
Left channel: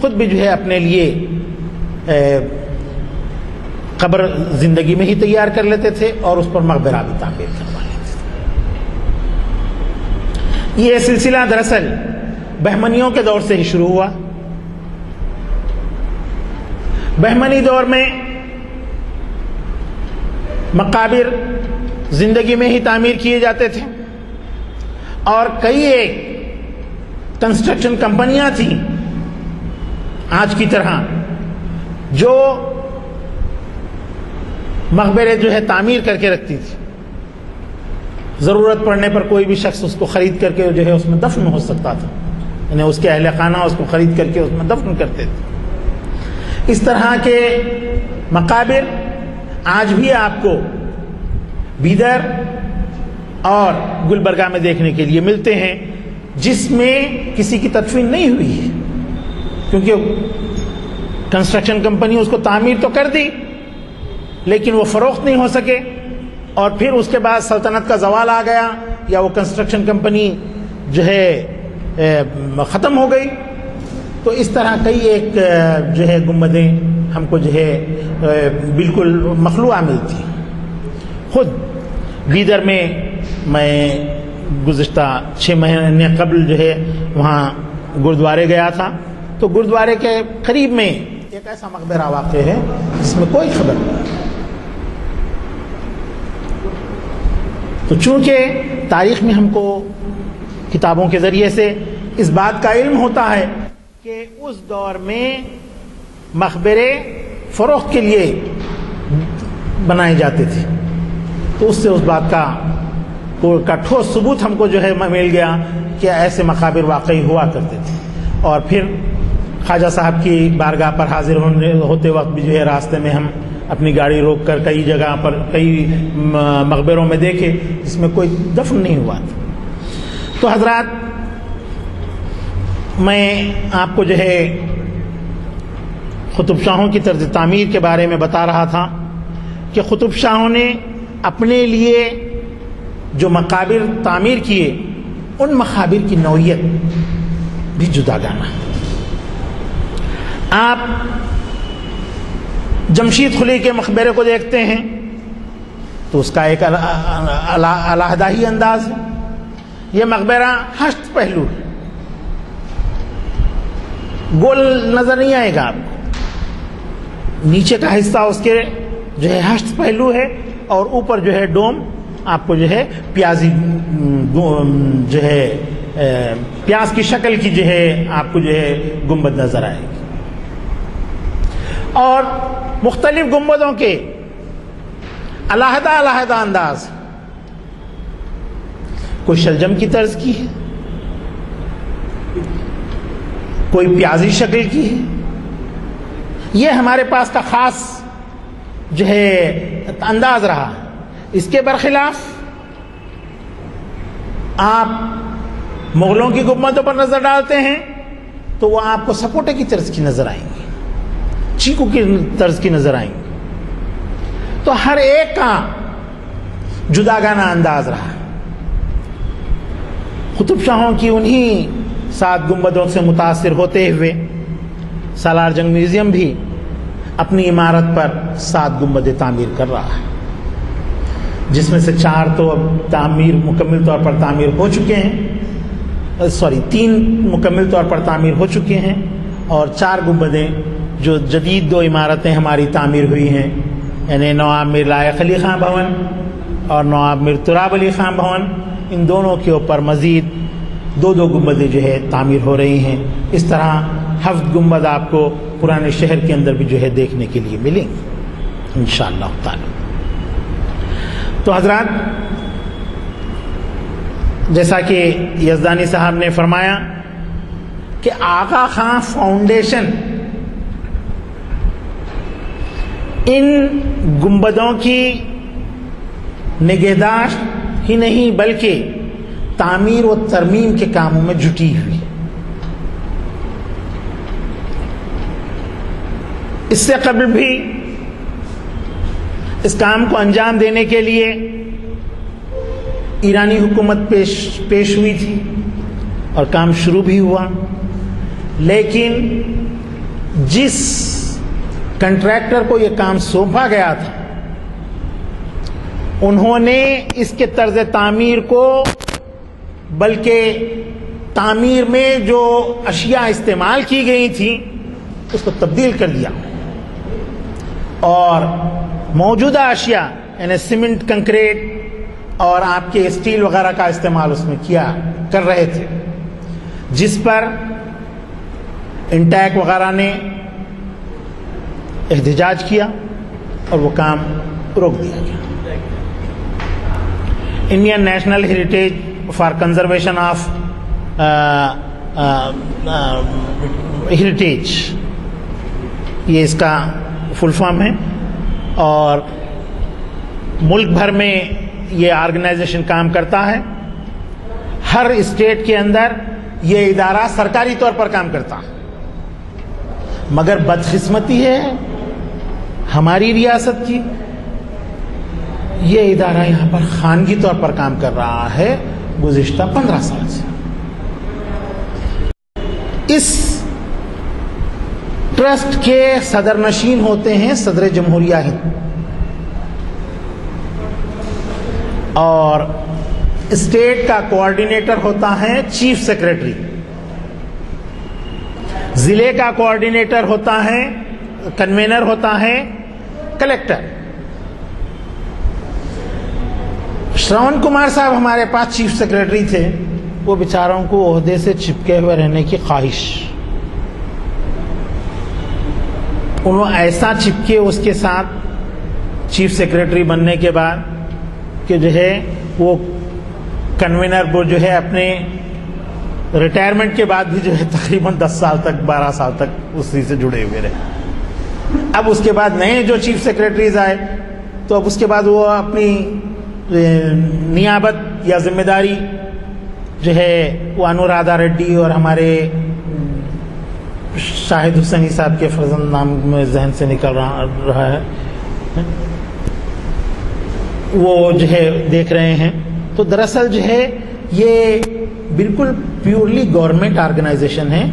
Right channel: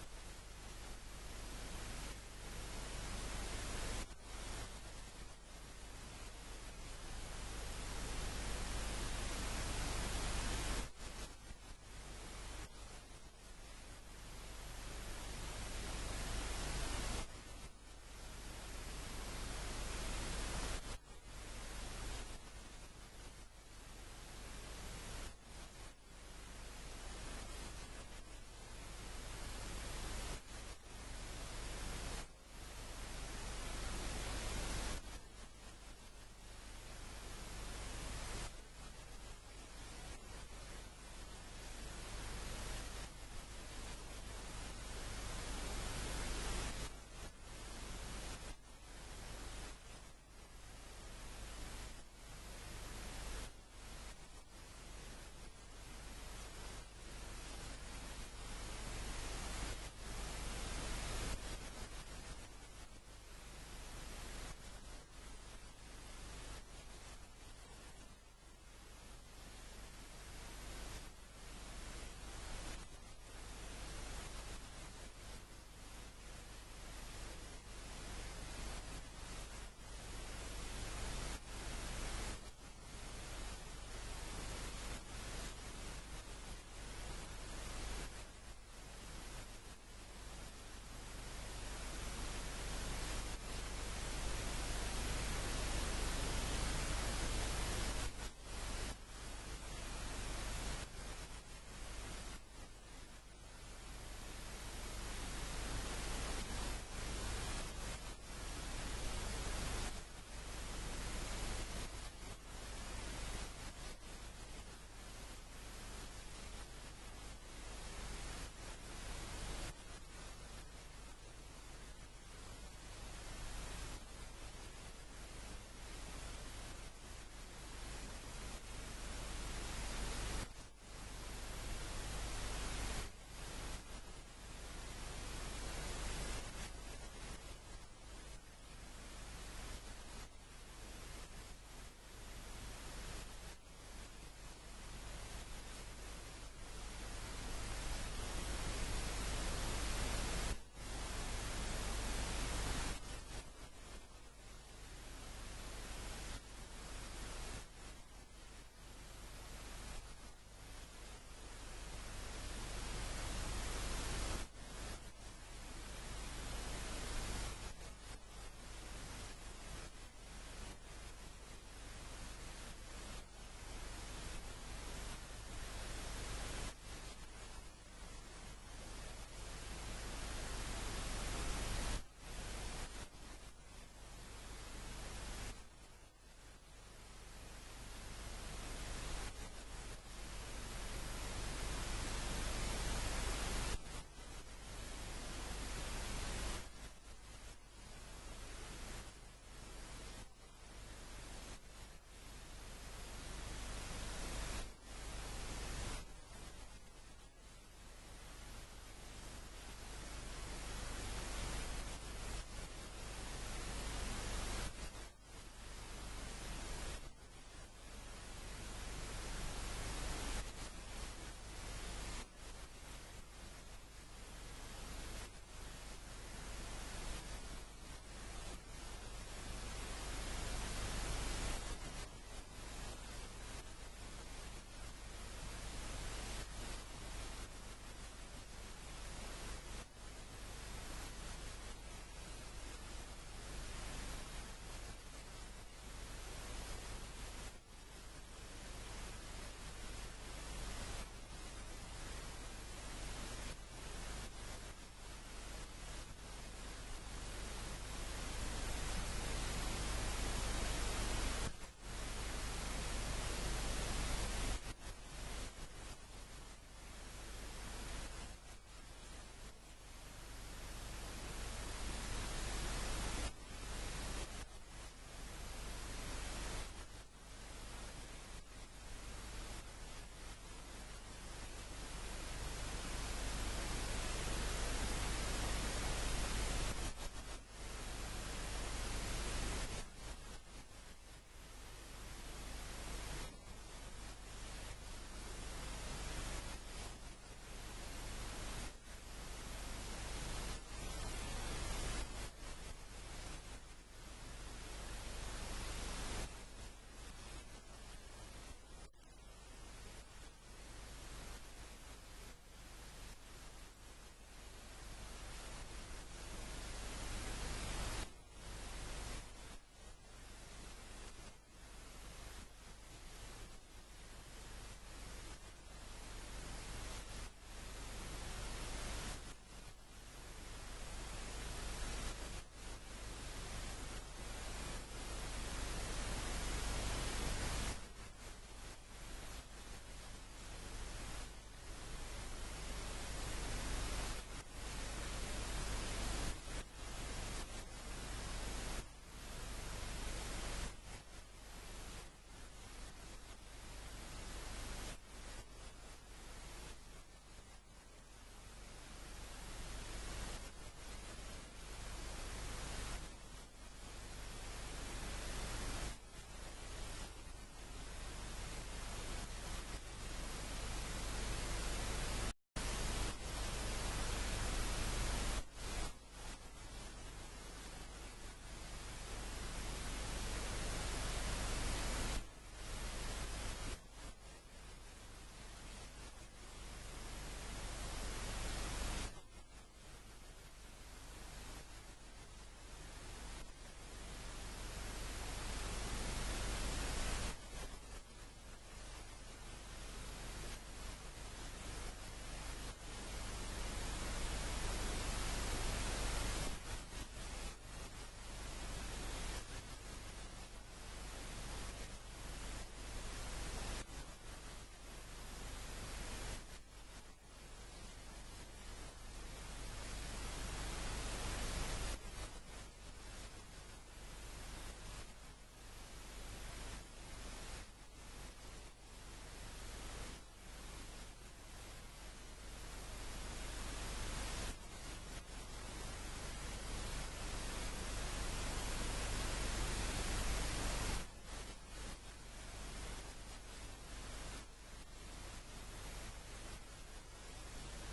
خود بھی جو ہے اپنے لیے قبر زندگی میں ہی تیار کر لیتے تھے اور اس پر مقبرہ بھی تعمیر کروا لیتے تھے۔ یہ سلسلہ دراصل بہمنیوں کے دور سے ہی شروع ہوا۔ بہمنی دور میں مقابر زندگی میں ہی تعمیر کیے جاتے تھے، اور کئی ایک کنسٹرکشن کمپنیاں تھیں آج کی طرح جو مقبرے جو ہے تعمیر کر کے رکھتی تھی۔ ضرورت پڑنے پر کوئی بھی شخص اس کو خرید کر کے جو ہے اس میں دفن ہو سکتا تھا، یعنی اس کے اہل خانہ اس کو خرید کر کے اس میں دفن کرتے تھے۔ اس طرح کے مقابر آج بھی آپ کو بیدر اور گلبرگہ میں دیکھنے کے لیے ملتے ہیں، جس میں کسی کی تدفین نہیں ہوئی ہے، کیونکہ کنسٹرکشن کمپنی اس کو تعمیر تو کر دی لیکن وہ فروخت نہیں ہو سکے، اور پھر اس کے بعد سلطنت کا زوال آ گیا یا وہ کنسٹرکشن کمپنی جو ہے ختم ہو گئی. تو اس طرح کئی ایک جو ہے گنبدیں ہم کو جو ہے بالکل مخلوعہ ملتی. خود بیدر میں گزشتہ 6 مہینے قبل جو ہے وہاں گردوارے گیا تھا، تو گردوارے کے قریب میں ایک ایسا مقبرہ واقع ہے جس میں کوئی خبر نہیں. تو چونکہ تاریخ میں ہم کو کتابوں کے ذریعے سے اس بات کا علم ہوتا ہے کہ اس دور میں مقبرے فروخت کے لیے بنائے جاتے تھے، تو اس سے اس بات کا ٹھوس ثبوت ہم کو جو ہے مل گیا کہ ایسے مقابر واقعی ہوا کرتے تھے. اور پھر خواجہ صاحب کی بارگاہ پر حاضر ہوتے وقت بھی جو ہے راستے میں ہم اپنی گاڑی روک کر کئی جگہ پر کئی مقبروں میں دیکھے جس میں کوئی دفن نہیں ہوا تھا. تو حضرات، میں آپ کو جو ہے قطب شاہوں کی طرز تعمیر کے بارے میں بتا رہا تھا کہ قطب شاہوں نے اپنے لیے جو مقابر تعمیر کیے ان مقابر کی نوعیت بھی جداگانہ. آپ جمشید خلی کے مقبرے کو دیکھتے ہیں تو اس کا ایک علیحدہ ہی انداز ہے. یہ مقبرہ 8 پہلو ہے، گول نظر نہیں آئے گا آپ کو. نیچے کا حصہ اس کے جو ہے 8 پہلو ہے اور اوپر جو ہے ڈوم آپ کو جو ہے پیازی جو ہے پیاز کی شکل کی جو ہے آپ کو جو ہے گنبد نظر آئے گی. اور مختلف گنبدوں کے علیحدہ انداز، کوئی شلجم کی طرز کی ہے، کوئی پیازی شکل کی ہے. یہ ہمارے پاس کا خاص جو ہے انداز رہا. اس کے برخلاف آپ مغلوں کی گنبدوں پر نظر ڈالتے ہیں تو وہ آپ کو سپوٹے کی طرز کی نظر آئیں گی، چیکو کی طرز کی نظر آئیں گی. تو ہر ایک کا جداگانہ انداز رہا. قطب شاہوں کی انہی 7 گنبدوں سے متاثر ہوتے ہوئے سالار جنگ میوزیم بھی اپنی عمارت پر 7 گنبدیں تعمیر کر رہا ہے، جس میں سے 4 تو اب تعمیر مکمل طور پر تعمیر ہو چکے ہیں، 3 مکمل طور پر تعمیر ہو چکے ہیں، اور 4 گنبدیں جو جدید 2 عمارتیں ہماری تعمیر ہوئی ہیں، یعنی نواب میر لائق علی خان بھون اور نواب میر تراب علی خان بھون، ان دونوں کے اوپر مزید 2 گنبدیں جو ہے تعمیر ہو رہی ہیں. اس طرح 7 گنبد آپ کو پرانے شہر کے اندر بھی جو ہے دیکھنے کے لیے ملیں گے انشاءاللہ تعالی. تو حضرات، جیسا کہ یزدانی صاحب نے فرمایا کہ آغا خان فاؤنڈیشن ان گنبدوں کی نگہداشت ہی نہیں بلکہ تعمیر و ترمیم کے کاموں میں جٹی ہوئی. اس سے قبل بھی اس کام کو انجام دینے کے لیے ایرانی حکومت پیش ہوئی تھی اور کام شروع بھی ہوا، لیکن جس کنٹریکٹر کو یہ کام سونپا گیا تھا انہوں نے اس کے طرز تعمیر کو، بلکہ تعمیر میں جو اشیاء استعمال کی گئی تھیں اس کو تبدیل کر دیا، اور موجودہ اشیاء یعنی سیمنٹ، کنکریٹ اور آپ کے اسٹیل وغیرہ کا استعمال اس میں کر رہے تھے، جس پر انٹیک وغیرہ نے احتجاج کیا اور وہ کام روک دیا گیا. Indian national heritage for conservation of heritage, یہ اس کا فل فارم ہے، اور ملک بھر میں یہ آرگنائزیشن کام کرتا ہے. ہر اسٹیٹ کے اندر یہ ادارہ سرکاری طور پر کام کرتا ہے. مگر بدقسمتی ہے ہماری ریاست کی، یہ ادارہ یہاں پر خانگی طور پر کام کر رہا ہے گزشتہ 15 سال سے۔ اس ٹرسٹ کے صدر نشین ہوتے ہیں صدر جمہوریہ ہند، اور اسٹیٹ کا کوآرڈینیٹر ہوتا ہے چیف سیکرٹری، ضلع کا کوآرڈینیٹر ہوتا ہے، کنوینر ہوتا ہے کلیکٹر۔ شرون کمار صاحب ہمارے پاس چیف سیکرٹری تھے، وہ بیچاروں کو عہدے سے چپکے ہوئے رہنے کی خواہش، انہوں ایسا چپکے اس کے ساتھ چیف سیکرٹری بننے کے بعد کہ جو ہے وہ کنوینر وہ جو ہے اپنے ریٹائرمنٹ کے بعد بھی جو ہے تقریباً 10 سال تک 12 سال تک اسی سے جڑے ہوئے رہے۔ اب اس کے بعد نئے جو چیف سیکرٹریز آئے تو اب اس کے بعد وہ اپنی نیابت یا ذمہ داری جو ہے وہ انورادھا ریڈی اور ہمارے شاہد حسینی صاحب کے فرزند نام میں ذہن سے نکل رہا ہے، وہ جو ہے دیکھ رہے ہیں۔ تو دراصل جو ہے یہ بالکل پیورلی گورنمنٹ آرگنائزیشن ہے،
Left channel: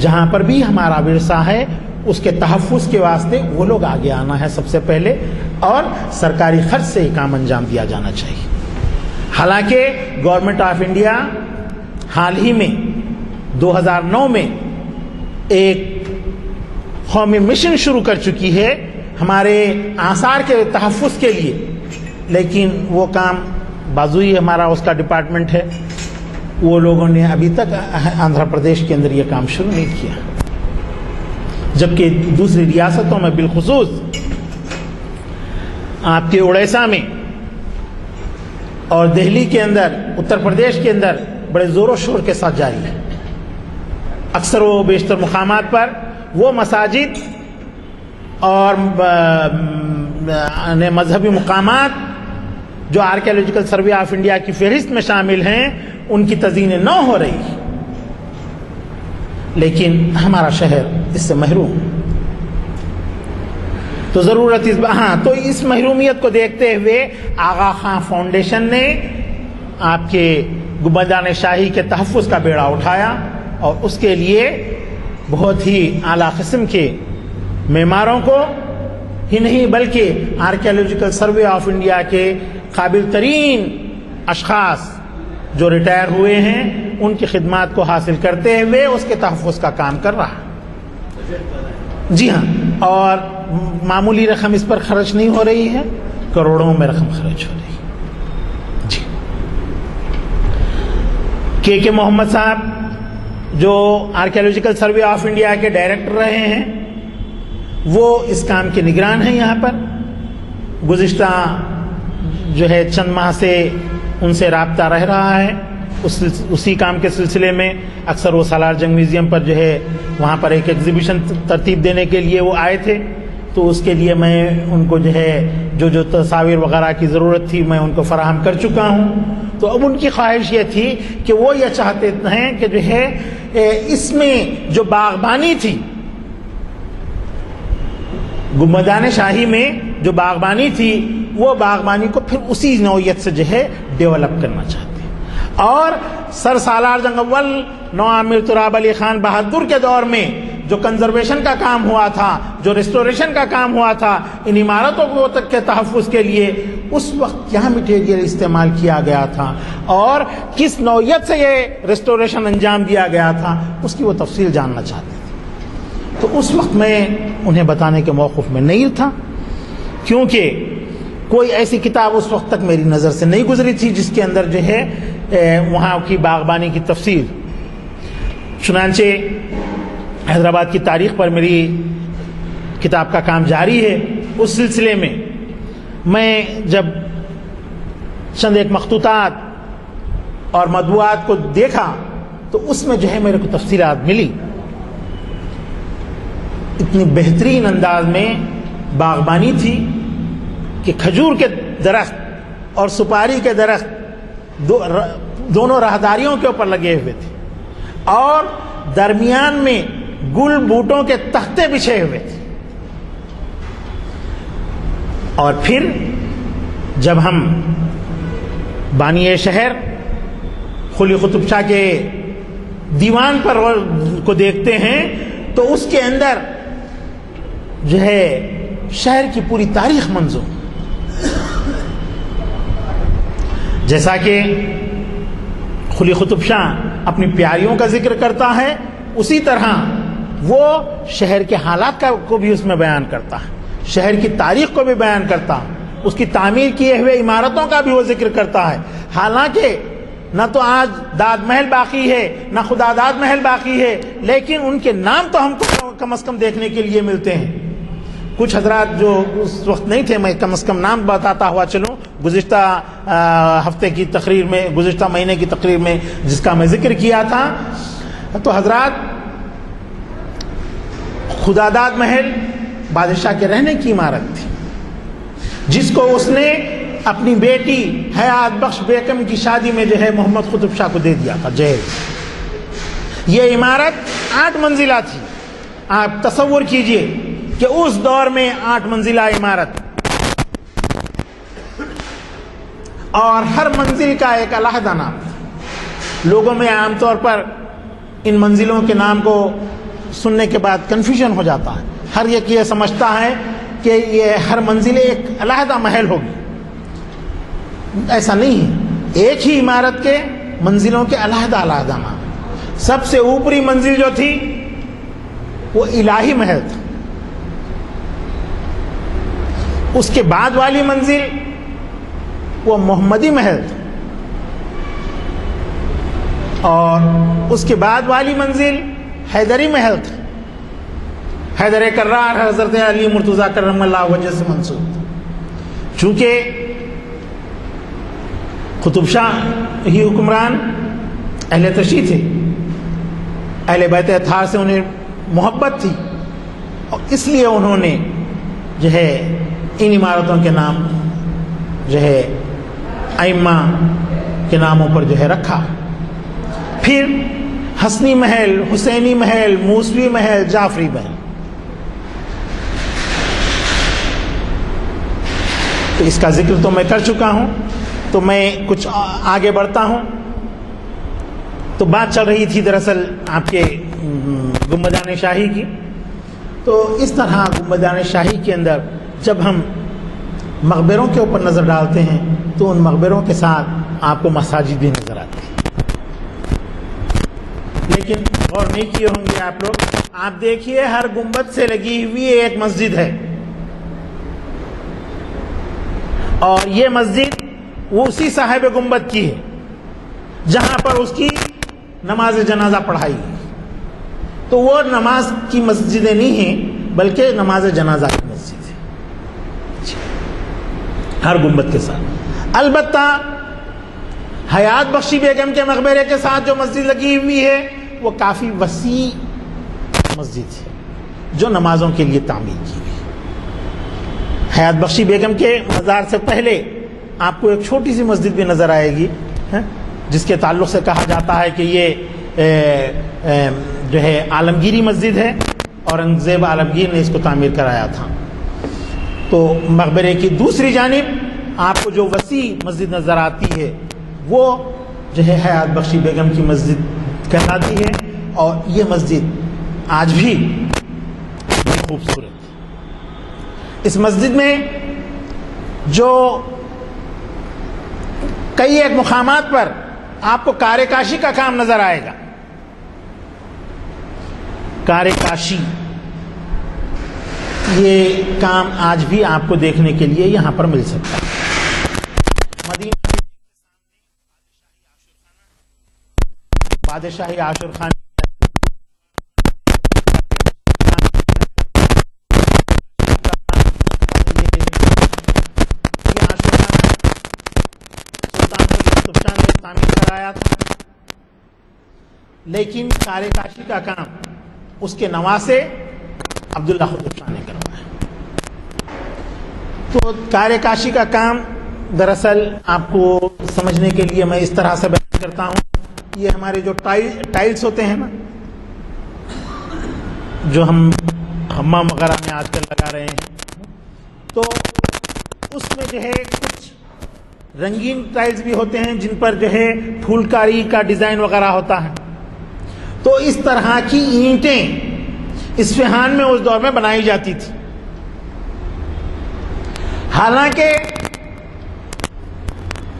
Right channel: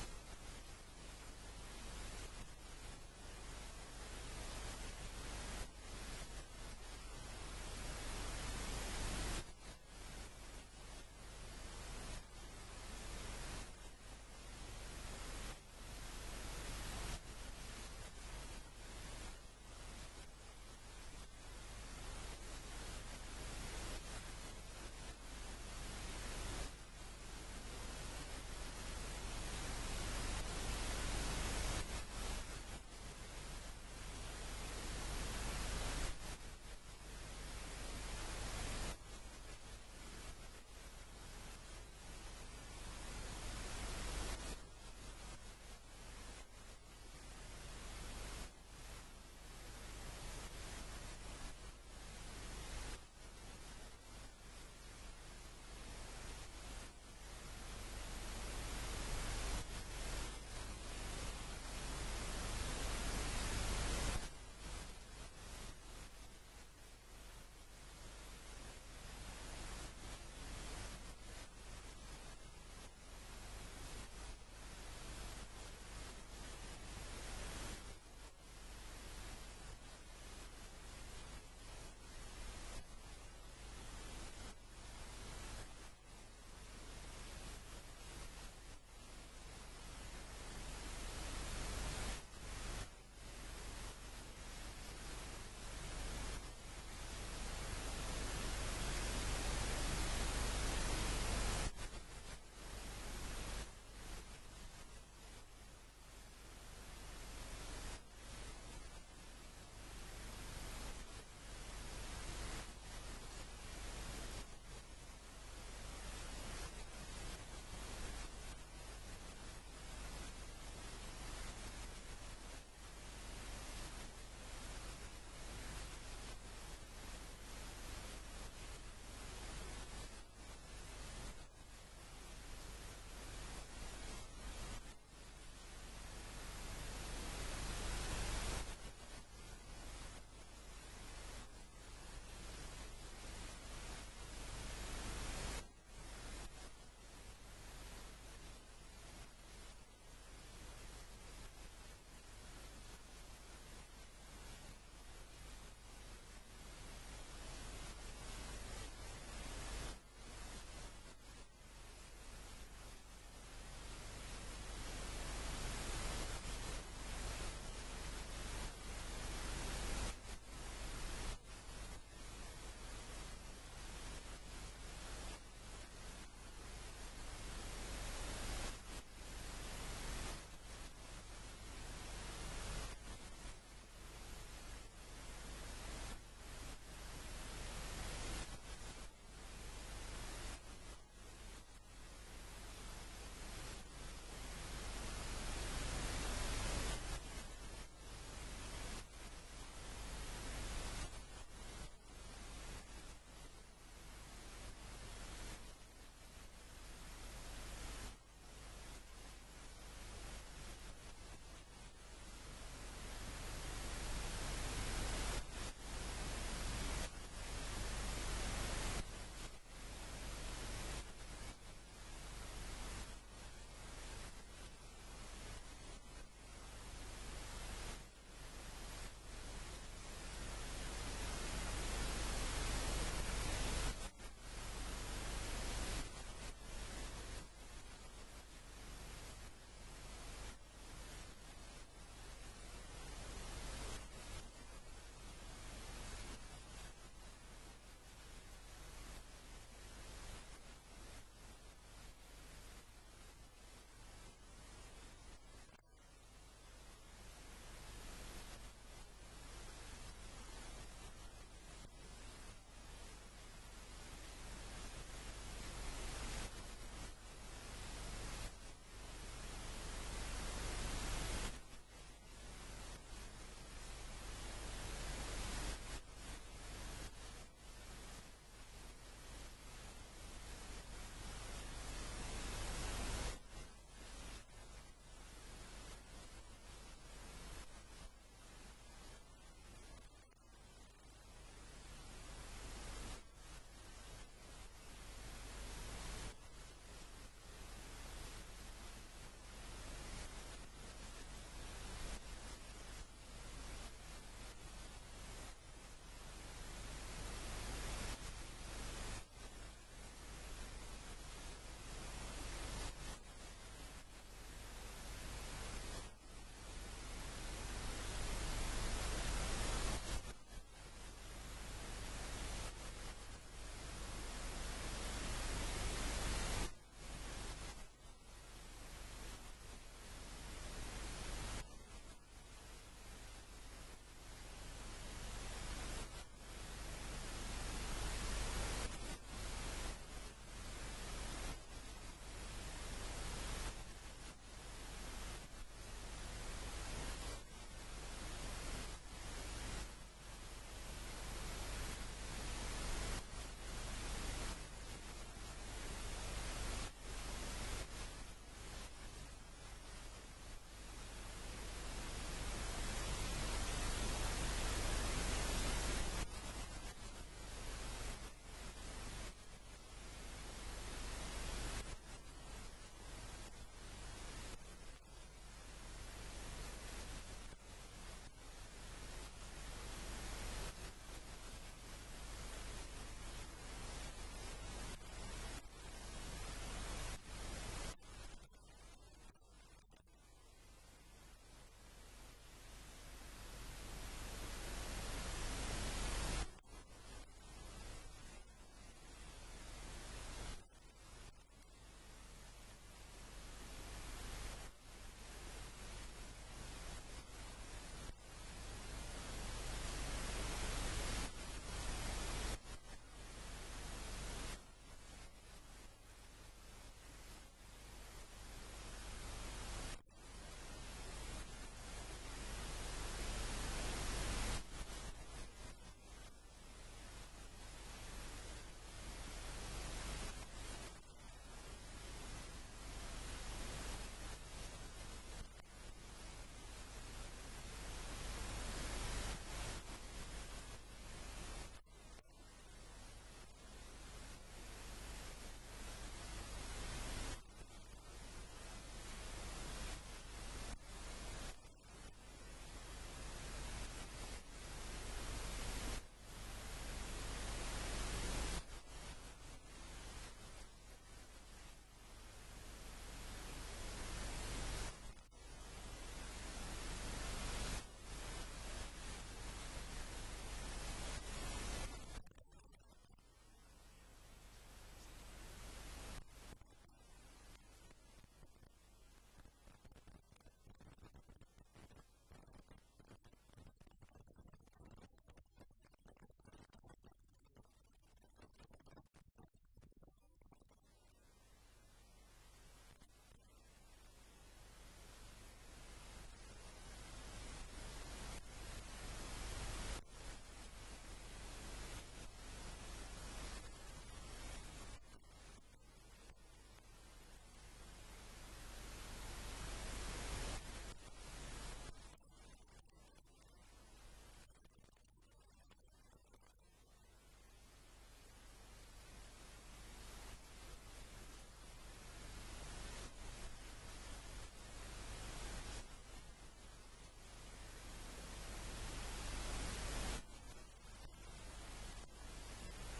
جہاں پر بھی ہمارا ورثہ ہے اس کے تحفظ کے واسطے وہ لوگ آگے آنا ہے سب سے پہلے، اور سرکاری خرچ سے یہ کام انجام دیا جانا چاہیے۔ حالانکہ گورنمنٹ آف انڈیا حال ہی میں 2009 میں ایک قومی مشن شروع کر چکی ہے ہمارے آثار کے تحفظ کے لیے، لیکن وہ کام بازوئی ہمارا اس کا ڈپارٹمنٹ ہے، وہ لوگوں نے ابھی تک آندھرا پردیش کے اندر یہ کام شروع نہیں کیا، جبکہ دوسری ریاستوں میں بالخصوص آپ کے اڑیسہ میں اور دہلی کے اندر، اتر پردیش کے اندر بڑے زور و شور کے ساتھ جاری ہے۔ اکثر و بیشتر مقامات پر وہ مساجد اور مذہبی مقامات جو آرکیالوجیکل سروے آف انڈیا کی فہرست میں شامل ہیں ان کی تزئین نو ہو رہی، لیکن ہمارا شہر اس سے محروم۔ تو ضرورت تو اس محرومیت کو دیکھتے ہوئے آغا خان فاؤنڈیشن نے آپ کے گنبدان شاہی کے تحفظ کا بیڑا اٹھایا، اور اس کے لیے بہت ہی اعلیٰ قسم کے معماروں کو ہی نہیں بلکہ آرکیالوجیکل سروے آف انڈیا کے قابل ترین اشخاص جو ریٹائر ہوئے ہیں ان کی خدمات کو حاصل کرتے ہوئے اس کے تحفظ کا کام کر رہا ہے۔ جی ہاں، اور معمولی رقم اس پر خرچ نہیں ہو رہی ہے، کروڑوں میں رقم خرچ ہو رہی ہے۔ جی کے محمد صاحب جو آرکیالوجیکل سروے آف انڈیا کے ڈائریکٹر رہے ہیں، وہ اس کام کے نگران ہیں یہاں پر۔ گزشتہ جو ہے چند ماہ سے ان سے رابطہ رہ رہا ہے، اسی کام کے سلسلے میں اکثر وہ سالار جنگ میوزیم پر جو ہے وہاں پر ایک ایگزیبیشن ترتیب دینے کے لیے وہ آئے تھے، تو اس کے لیے میں ان کو جو ہے جو تصاویر وغیرہ کی ضرورت تھی میں ان کو فراہم کر چکا ہوں۔ تو اب ان کی خواہش یہ تھی کہ وہ یہ چاہتے ہیں کہ جو ہے اس میں جو باغبانی تھی، گنبدان شاہی میں جو باغبانی تھی، وہ باغبانی کو پھر اسی نوعیت سے جو ہے ڈیولپ کرنا چاہتے ہیں۔ اور سر سالار جنگ اول نواب میر تراب علی خان بہادر کے دور میں جو کنزرویشن کا کام ہوا تھا، جو ریسٹوریشن کا کام ہوا تھا ان عمارتوں کو تک کے تحفظ کے لیے، اس وقت کیا مٹیریل استعمال کیا گیا تھا اور کس نوعیت سے یہ ریسٹوریشن انجام دیا گیا تھا، اس کی وہ تفصیل جاننا چاہتے تھے۔ تو اس وقت میں انہیں بتانے کے موقف میں نہیں تھا، کیونکہ کوئی ایسی کتاب اس وقت تک میری نظر سے نہیں گزری تھی جس کے اندر جو ہے وہاں کی باغبانی کی تفصیل۔ چنانچہ حیدرآباد کی تاریخ پر میری کتاب کا کام جاری ہے، اس سلسلے میں جب چند ایک مخطوطات اور مطبوعات کو دیکھا تو اس میں جو ہے میرے کو تفصیلات ملی۔ اتنی بہترین انداز میں باغبانی تھی کہ کھجور کے درخت اور سپاری کے درخت دونوں راہداریوں کے اوپر لگے ہوئے تھے، اور درمیان میں گل بوٹوں کے تختے بچھے ہوئے تھے. اور پھر جب ہم بانی شہر قلی قطب شاہ کے دیوان پر کو دیکھتے ہیں تو اس کے اندر جو ہے شہر کی پوری تاریخ منظوم. جیسا کہ قلی قطب شاہ اپنی پیاریوں کا ذکر کرتا ہے، اسی طرح وہ شہر کے حالات کو بھی اس میں بیان کرتا ہے، شہر کی تاریخ کو بھی بیان کرتا ہے، اس کی تعمیر کیے ہوئے عمارتوں کا بھی وہ ذکر کرتا ہے. حالانکہ نہ تو آج داد محل باقی ہے نہ خدا داد محل باقی ہے، لیکن ان کے نام تو ہم کو کم از کم دیکھنے کے لیے ملتے ہیں. کچھ حضرات جو اس وقت نہیں تھے، میں کم از کم نام بتاتا ہوا چلوں، گزشتہ ہفتے کی تقریر میں، گزشتہ مہینے کی تقریر میں جس کا میں ذکر کیا تھا، تو حضرات خدا داد محل بادشاہ کے رہنے کی عمارت تھی، جس کو اس نے اپنی بیٹی حیات بخش بیگم کی شادی میں جو ہے محمد قطب شاہ کو دے دیا تھا جہیز. یہ عمارت 8 منزلہ تھی. آپ تصور کیجئے کہ اس دور میں 8 منزلہ عمارت، اور ہر منزل کا ایک علیحدہ نام تھا. لوگوں میں عام طور پر ان منزلوں کے نام کو سننے کے بعد کنفیوژن ہو جاتا ہے. ہر ایک یہ سمجھتا ہے کہ یہ ہر منزل ایک علیحدہ محل ہوگی. ایسا نہیں ہے، ایک ہی عمارت کے منزلوں کے علیحدہ علیحدہ نام. سب سے اوپری منزل جو تھی وہ الہی محل تھا. اس کے بعد والی منزل وہ محمدی محل تھا، اور اس کے بعد والی منزل حیدری محل تھا. حیدر کرار حضرت علی مرتضیٰ کرم اللہ وجہ سے منسوب تھا. چونکہ قطب شاہ ہی حکمران اہل تشیع تھے، اہل بیت اطہار سے انہیں محبت تھی، اور اس لیے انہوں نے جو ہے ان عمارتوں کے نام جو ہے ائمہ کے ناموں پر جو ہے رکھا. پھر حسنی محل، حسینی محل، موسوی محل، جعفری محل. تو اس کا ذکر تو میں کر چکا ہوں، تو میں کچھ آگے بڑھتا ہوں. تو بات چل رہی تھی دراصل آپ کے گنبدان شاہی کی. تو اس طرح گنبدان شاہی کے اندر جب ہم مقبروں کے اوپر نظر ڈالتے ہیں تو ان مقبروں کے ساتھ آپ کو مساجد بھی نظر آتی ہیں. لیکن غور نہیں کیے ہوں گے آپ لوگ. آپ دیکھیے ہر گنبد سے لگی ہوئی ایک مسجد ہے، اور یہ مسجد وہ اسی صاحب گنبد کی ہے جہاں پر اس کی نماز جنازہ پڑھائی گئی. تو وہ نماز کی مسجدیں نہیں ہیں بلکہ نماز جنازہ کی مسجد ہے ہر گنبد کے ساتھ. البتہ حیات بخشی بیگم کے مقبرے کے ساتھ جو مسجد لگی ہوئی ہے وہ کافی وسیع مسجد ہے جو نمازوں کے لیے تعمیر کی گئی. حیات بخشی بیگم کے مزار سے پہلے آپ کو ایک چھوٹی سی مسجد بھی نظر آئے گی، جس کے تعلق سے کہا جاتا ہے کہ یہ جو ہے عالمگیری مسجد ہے، اورنگزیب عالمگیر نے اس کو تعمیر کرایا تھا. تو مقبرے کی دوسری جانب آپ کو جو وسیع مسجد نظر آتی ہے وہ جو ہے حیات بخشی بیگم کی مسجد کہلاتی ہے، اور یہ مسجد آج بھی بہت خوبصورت ہے. اس مسجد میں جو کئی ایک مقامات پر آپ کو کار کاشی کا کام نظر آئے گا. کار کاشی یہ کام آج بھی آپ کو دیکھنے کے لیے یہاں پر مل سکتا ہے. مدینہ بادشاہی عاشر خان لیکن کار کاشی کا کام اس کے نواسے عبداللہ قطب شاہ نے کروایا. تو کار کاشی کا کام دراصل آپ کو سمجھنے کے لیے میں اس طرح سے بیان کرتا ہوں. یہ ہمارے جو ٹائلز ہوتے ہیں نا، جو ہم حمام وغیرہ میں آج کل لگا رہے ہیں، تو اس میں جو ہے کچھ رنگین ٹائلز بھی ہوتے ہیں جن پر جو ہے پھول کاری کا ڈیزائن وغیرہ ہوتا ہے. تو اس طرح کی اینٹیں اصفہان میں اس دور میں بنائی جاتی تھی. حالانکہ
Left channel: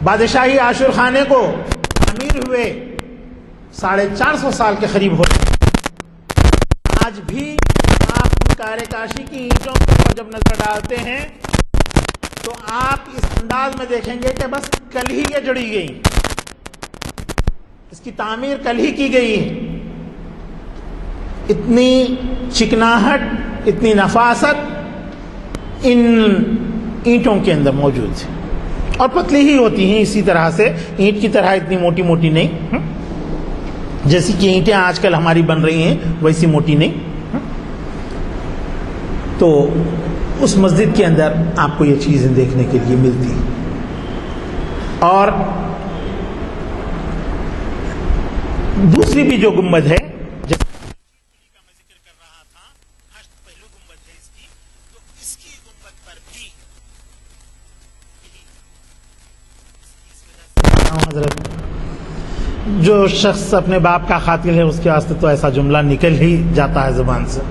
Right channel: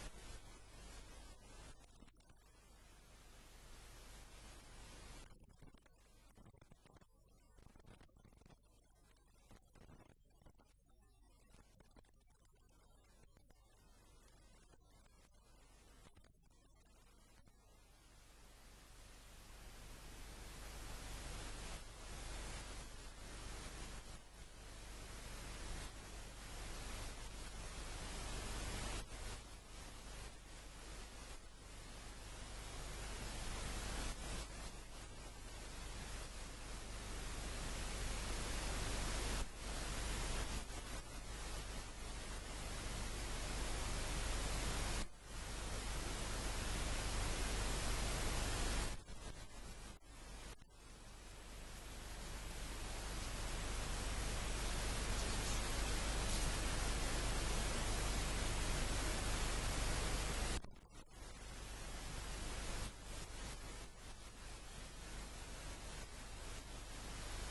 بادشاہی عاشور خانے کو تعمیر ہوئے 450 سال کے قریب ہو گئے. آج بھی آپ کارے کاشی کی اینٹوں پر جب نظر ڈالتے ہیں تو آپ اس انداز میں دیکھیں گے کہ بس کل ہی یہ جڑی گئی، اس کی تعمیر کل ہی کی گئی ہے. اتنی چکناہٹ، اتنی نفاست ان اینٹوں کے اندر موجود ہے، اور پتلی ہی ہوتی ہیں اسی طرح سے، اینٹ کی طرح اتنی موٹی موٹی نہیں، جیسی کہ اینٹیں آج کل ہماری بن رہی ہیں ویسی موٹی نہیں. تو اس مسجد کے اندر آپ کو یہ چیزیں دیکھنے کے لیے ملتی ہیں. اور دوسری بھی جو گنبد ہے، حضرت جو شخص اپنے باپ کا قاتل ہے اس کے واسطے تو ایسا جملہ نکل ہی جاتا ہے زبان سے،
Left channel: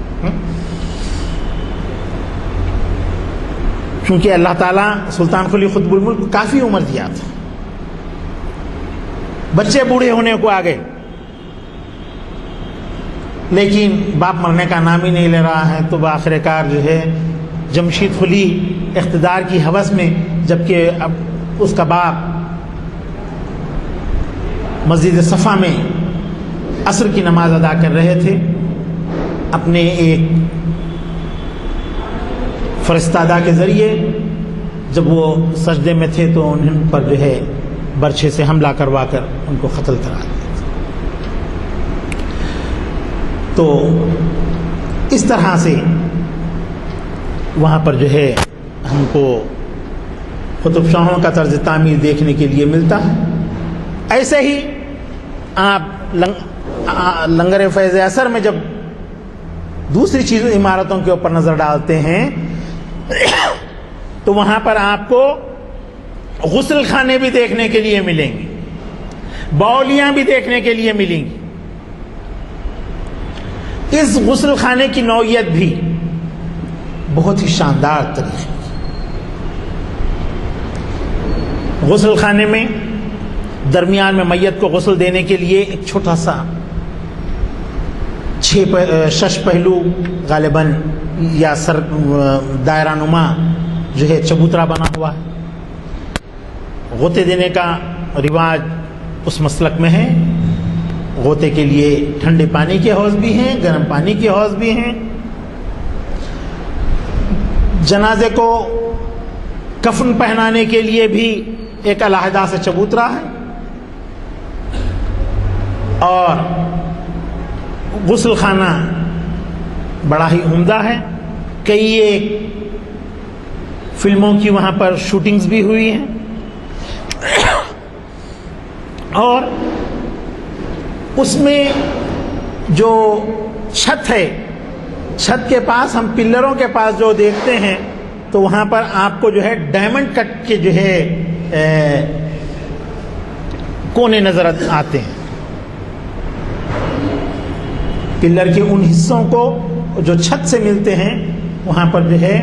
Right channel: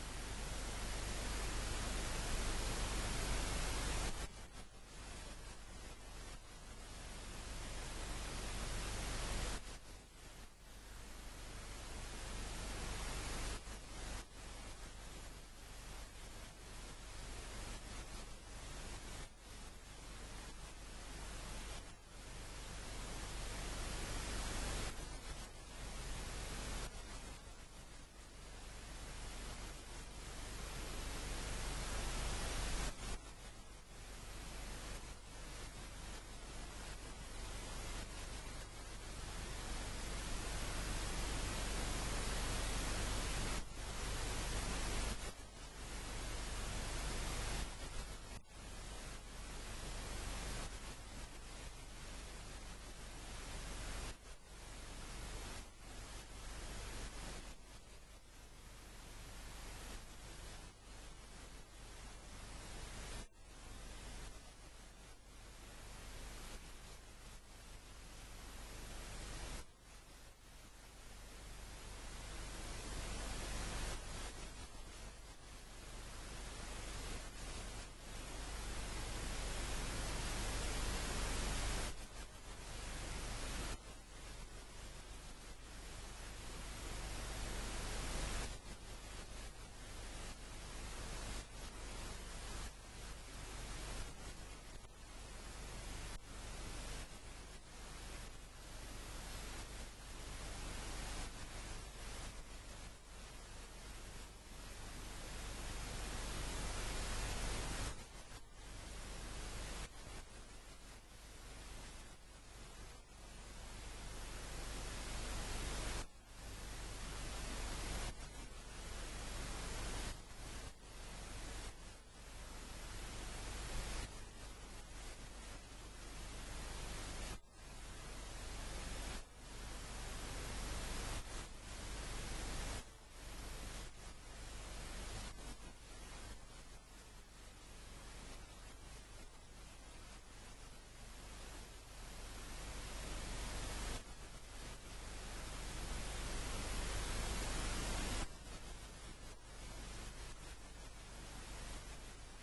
کیونکہ اللہ تعالیٰ سلطان قلی قطب الملک کو کافی عمر دیا تھا، بچے بوڑھے ہونے کو آگے، لیکن باپ مرنے کا نام ہی نہیں لے رہا ہے. تو بآخر کار جو ہے جمشید قلی اقتدار کی ہوس میں، جبکہ اب اس کا باپ مسجد صفا میں عصر کی نماز ادا کر رہے تھے، اپنے ایک فرستادہ کے ذریعے جب وہ سجدے میں تھے تو ان پر جو ہے برچھے سے حملہ کروا کر ان کو قتل کرا دیا. تو اس طرح سے وہاں پر جو ہے ہم کو قطب شاہوں کا طرز تعمیر دیکھنے کے لیے ملتا ہے. ایسے ہی آپ لنگر فیض اثر میں جب دوسری چیزوں عمارتوں کے اوپر نظر ڈالتے ہیں تو وہاں پر آپ کو غسل خانے بھی دیکھنے کے لیے ملیں گے، باولیاں بھی دیکھنے کے لیے ملیں گی. اس غسل خانے کی نوعیت بھی بہت ہی شاندار طریقے کی. غسل خانے میں درمیان میں میت کو غسل دینے کے لیے ایک چھوٹا سا 6 پہلو غالباً یا سر دائرہ نما جو ہے چبوترا بنا ہوا ہے. غوطے دینے کا رواج اس مسلک میں ہے. غوطے کے لیے ٹھنڈے پانی کے حوض بھی ہیں، گرم پانی کے حوض بھی ہیں. جنازے کو کفن پہنانے کے لیے بھی ایک علیحدہ سے چبوترا ہے. اور غسل خانہ بڑا ہی عمدہ ہے. کئی ایک فلموں کی وہاں پر شوٹنگز بھی ہوئی ہیں. اور اس میں جو چھت ہے، چھت کے پاس ہم پلروں کے پاس جو دیکھتے ہیں تو وہاں پر آپ کو جو ہے ڈائمنڈ کٹ کے جو ہے کونے نظر آتے ہیں. پلر کے ان حصوں کو جو چھت سے ملتے ہیں وہاں پر جو ہے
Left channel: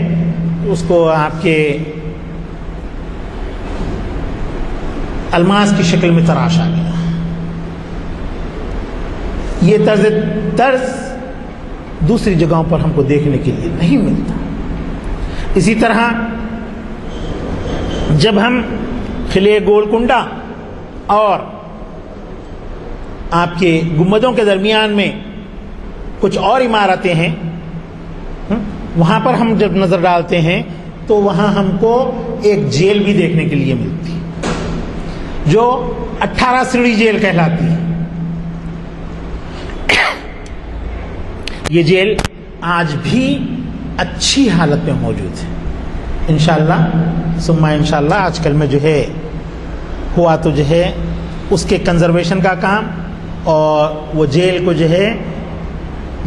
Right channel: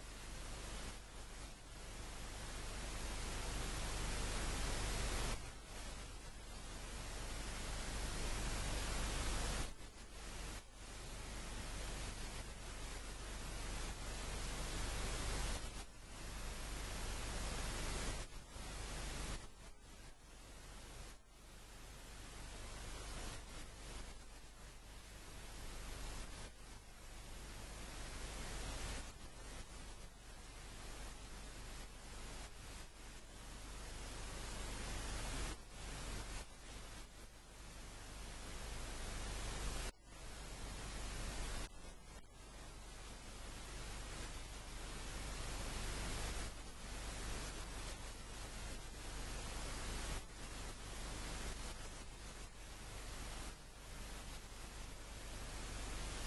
اس کو آپ کے الماس کی شکل میں تراشا گیا. یہ طرز دوسری جگہوں پر ہم کو دیکھنے کے لیے نہیں ملتا. اسی طرح جب ہم قلعہ گولکنڈہ اور آپ کے گنبدوں کے درمیان میں کچھ اور عمارتیں ہیں وہاں پر ہم جب نظر ڈالتے ہیں تو وہاں ہم کو ایک جیل بھی دیکھنے کے لیے ملتی ہے جو 18 سیڑھی جیل کہلاتی ہے. یہ جیل آج بھی اچھی حالت میں موجود ہے. انشاءاللہ ثم انشاءاللہ آج کل میں جو ہے ہوا تو جو ہے اس کے کنزرویشن کا کام اور وہ جیل کو جو ہے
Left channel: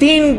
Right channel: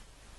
3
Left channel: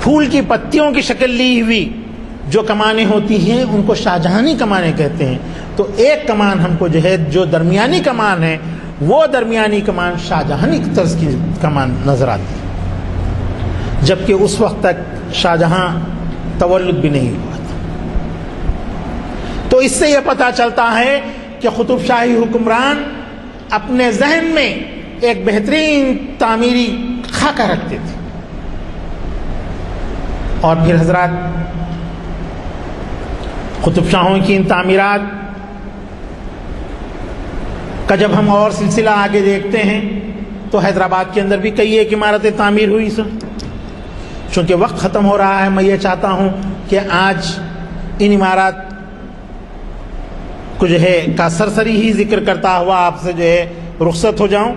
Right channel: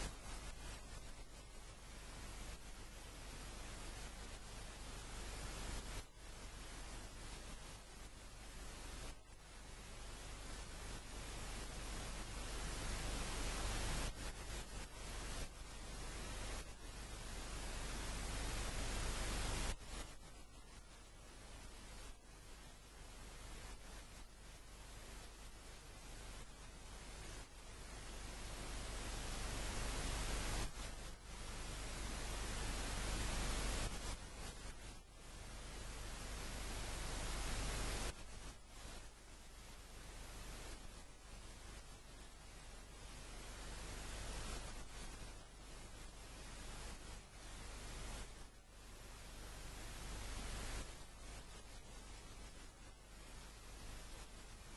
پھول کی پتیوں کی شکل لی ہوئی جو کمانیں ہوتی ہیں ان کو شاہجہانی کمانیں کہتے ہیں. تو ایک کمان ہم کو جو ہے جو درمیانی کمان ہے وہ درمیانی کمان شاہجہانی طرز کی کمان نظر آتی ہے، جبکہ اس وقت تک شاہجہاں تولد بھی نہیں ہوا تھا. تو اس سے یہ پتہ چلتا ہے کہ قطب شاہی حکمران اپنے ذہن میں ایک بہترین تعمیری خاکہ رکھتے تھے. اور پھر حضرات قطب شاہوں کی ان تعمیرات کا جب ہم اور سلسلہ آگے دیکھتے ہیں تو حیدرآباد کے اندر بھی کئی ایک عمارتیں تعمیر ہوئی سن. چونکہ وقت ختم ہو رہا ہے میں یہ چاہتا ہوں کہ آج ان عمارات کو جو ہے کا سرسری ہی ذکر کرتا ہوا آپ سے جو ہے رخصت ہو جاؤں.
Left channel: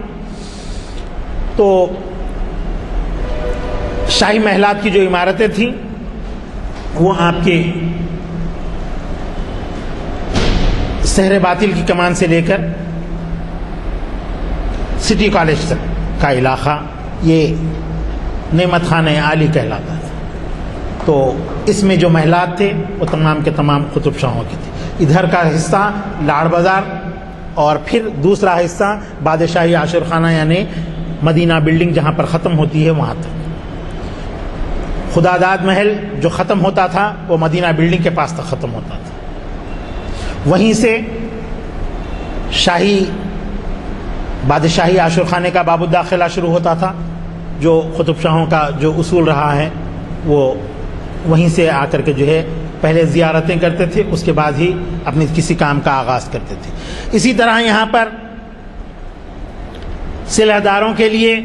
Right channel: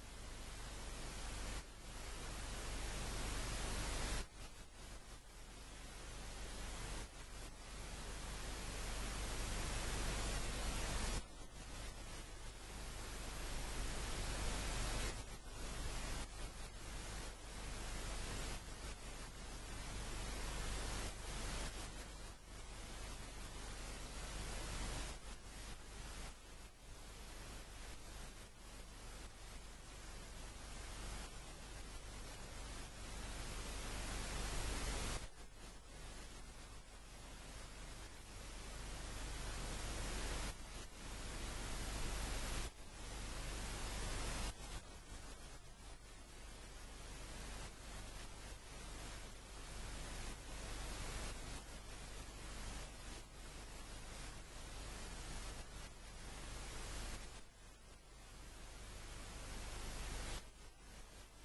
تو شاہی محلات کی جو عمارتیں تھیں وہ آپ کے سحر باطل کی کمان سے لے کر سٹی کالج تک کا علاقہ یہ نعمت خانہ عالی کہلاتا تھا. تو اس میں جو محلات تھے وہ تمام کے تمام قطب شاہوں کے تھے. ادھر کا حصہ لاڑ بازار اور پھر دوسرا حصہ بادشاہی عاشر خانہ یعنی مدینہ بلڈنگ جہاں پر ختم ہوتی ہے وہاں تک. خدا داد محل جو ختم ہوتا تھا وہ مدینہ بلڈنگ کے پاس تک ختم ہوتا تھا. وہیں سے شاہی بادشاہی عاشر خانے کا باب الداخلہ شروع ہوتا تھا جو قطب شاہوں کا جو اصول رہا ہے وہ وہیں سے آ کر کے جو ہے پہلے زیارتیں کرتے تھے اس کے بعد ہی اپنے کسی کام کا آغاز کرتے تھے. اسی طرح یہاں پر صلح داروں کے لیے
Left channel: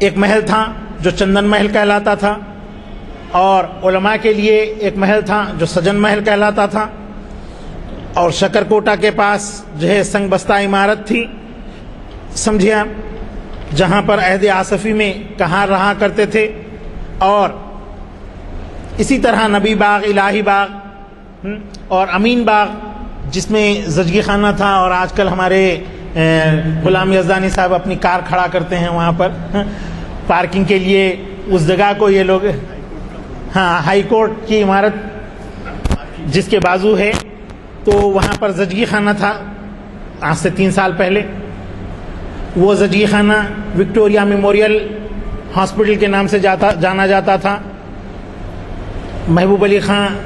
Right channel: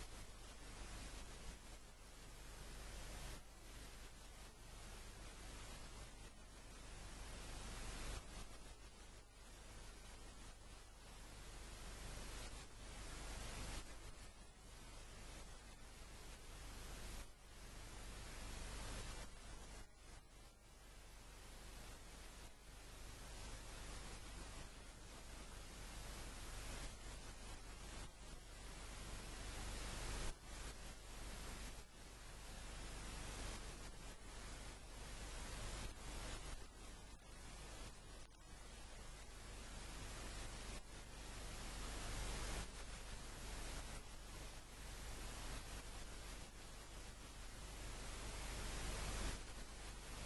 ایک محل تھا جو چندن محل کہلاتا تھا اور علماء کے لیے ایک محل تھا جو سجن محل کہلاتا تھا. اور شکر کوٹہ کے پاس جو ہے سنگ بستہ عمارت تھی سمجھے آپ جہاں پر عہد آصفی میں کہاں رہا کرتے تھے. اور اسی طرح نبی باغ الہی باغ اور امین باغ جس میں زچگی خانہ تھا اور آج کل ہمارے غلام یزدانی صاحب اپنی کار کھڑا کرتے ہیں وہاں پر پارکنگ کے لیے اس جگہ کو یہ لوگ ہائی کورٹ کی عمارت جس کے بازو ہے تو وہاں پر زچگی خانہ تھا آج سے 3 سال پہلے. وہ زچگی خانہ وکٹوریہ میموریل ہاسپٹل کے نام سے جانا جاتا تھا. محبوب علی خان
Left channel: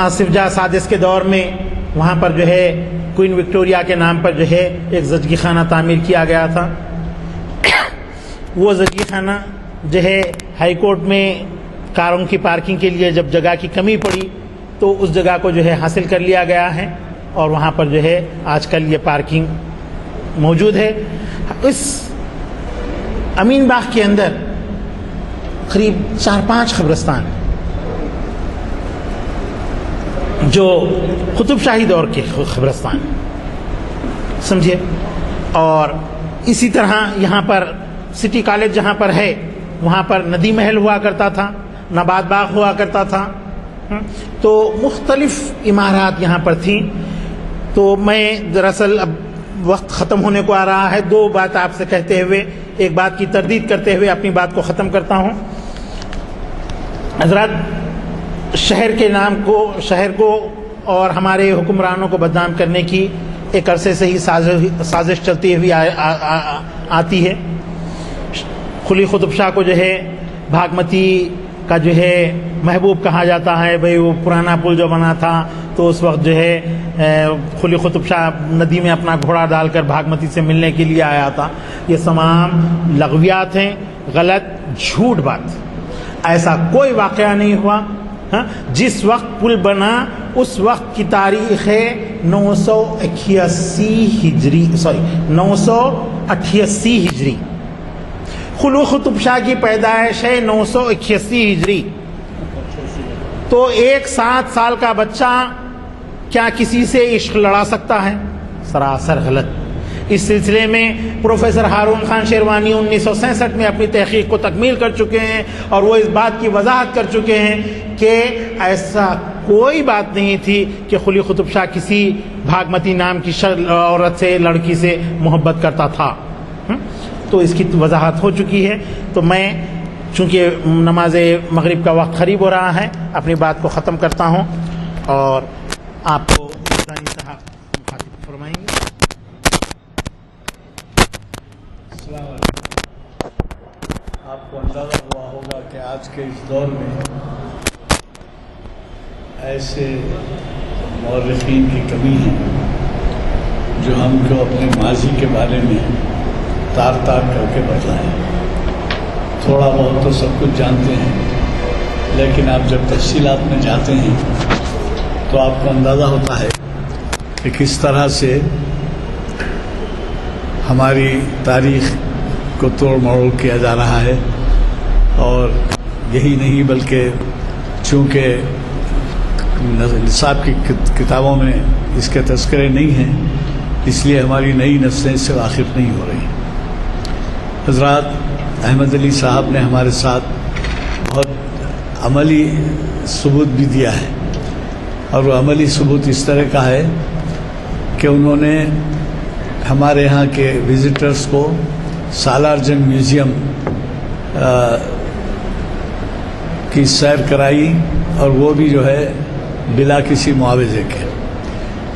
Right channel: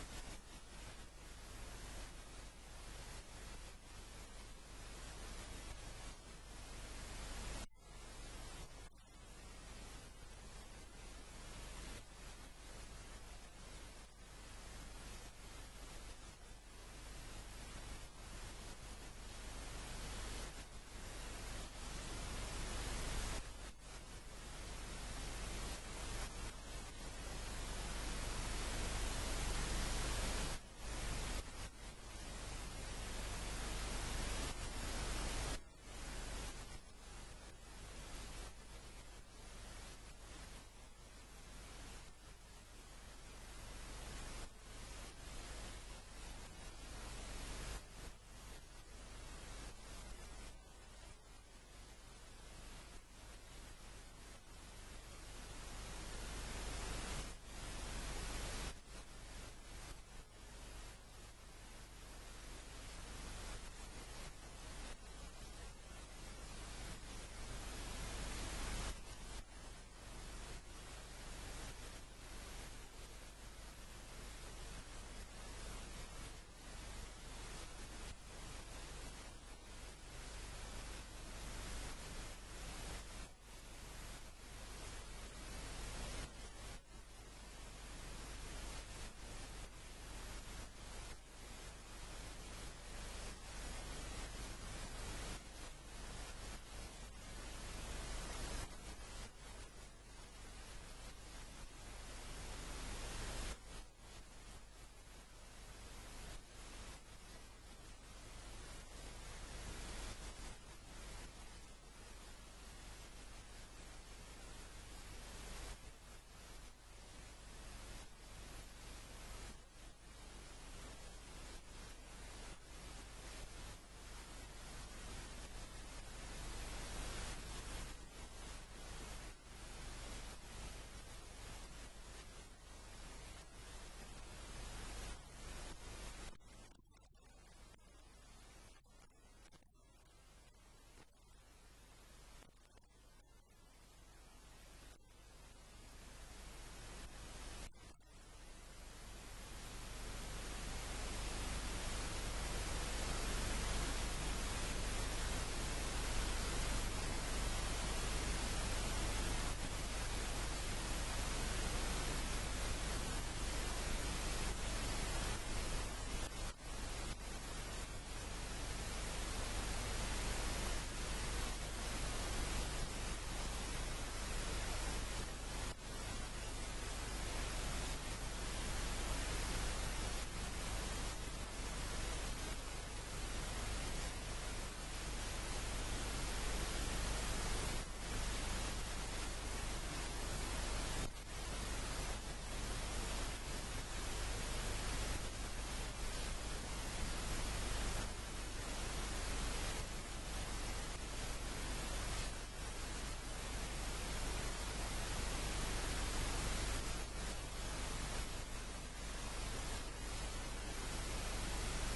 آصف جاہ سادس کے دور میں وہاں پر جو ہے کوئن وکٹوریہ کے نام پر جو ہے ایک زچگی خانہ تعمیر کیا گیا تھا. وہ زچگی خانہ جو ہے ہائی کورٹ میں کاروں کی پارکنگ کے لیے جب جگہ کی کمی پڑی تو اس جگہ کو جو ہے حاصل کر لیا گیا ہے اور وہاں پر جو ہے آج کل یہ پارکنگ موجود ہے. اس امین باغ کے اندر قریب 4-5 قبرستان جو قطب شاہی دور کے قبرستان سمجھے. اور اسی طرح یہاں پر سٹی کالج جہاں پر ہے وہاں پر ندی محل ہوا کرتا تھا، نبات باغ ہوا کرتا تھا. تو مختلف عمارات یہاں پر تھیں. تو میں دراصل اب وقت ختم ہونے کو آ رہا ہے 2 بات آپ سے کہتے ہوئے ایک بات کی تردید کرتے ہوئے اپنی بات کو ختم کرتا ہوں. حضرات شہر کو اور ہمارے حکمرانوں کو بدنام کرنے کی ایک عرصے سے ہی سازش چلتی ہوئی آتی ہے. قلی قطب شاہ کو جو ہے بھاگمتی کا جو ہے محبوب کہا جاتا ہے. بھئی وہ پرانا پل جو بنا تھا تو اس وقت جو ہے قلی قطب شاہ ندی میں اپنا گھوڑا ڈال کر بھاگمتی سے ملنے کے لیے آیا تھا. یہ تمام لغویات ہیں، غلط جھوٹ بات. ایسا کوئی واقعہ نہیں ہوا. جس وقت پل بنا اس وقت کی تاریخ ہے 988 ہجری. قلی قطب شاہ کی پیدائش ہے 981 ہجری. تو 7 سال کا بچہ کیا کسی سے عشق لڑا سکتا ہے؟ سراسر غلط. اس سلسلے میں پروفیسر ہارون خان شیروانی 1967 میں اپنی تحقیق کو تکمیل کر چکے ہیں اور وہ اس بات کی وضاحت کر چکے ہیں کہ ایسا کوئی بات نہیں تھی کہ قلی قطب شاہ کسی بھاگمتی نام کی عورت سے لڑکی سے محبت کرتا تھا. تو اس کی وضاحت ہو چکی ہے. تو میں چونکہ نماز مغرب کا وقت قریب ہو رہا ہے اپنی بات کو ختم کرتا ہوں اور آپ کو ثانی صاحب مخاطب فرمائیں گے. السلام علیکم. آپ کو اندازہ ہوا ہوگا کہ آج کے اس دور میں ایسے مورخین کی کمی ہے جو ہم کو اپنے ماضی کے بارے میں تار کر کے بتلائیں. تھوڑا بہت تو سب کچھ جانتے ہیں لیکن آپ جب تفصیلات میں جاتے ہیں تو آپ کو اندازہ ہوتا ہے کہ کس طرح سے ہماری تاریخ کو توڑ مروڑ کیا جا رہا ہے. اور یہی نہیں بلکہ چونکہ نصاب کی کتابوں میں اس کے تذکرے نہیں ہیں اس لیے ہماری نئی نسلیں اس سے واقف نہیں ہو رہی. حضرات احمد علی صاحب نے ہمارے ساتھ بہت عملی ثبوت بھی دیا ہے اور وہ عملی ثبوت اس طرح کا ہے کہ انہوں نے ہمارے یہاں کے وزٹرز کو سالار جنگ میوزیم کی سیر کرائی اور وہ بھی جو ہے بلا کسی معاوضے کے.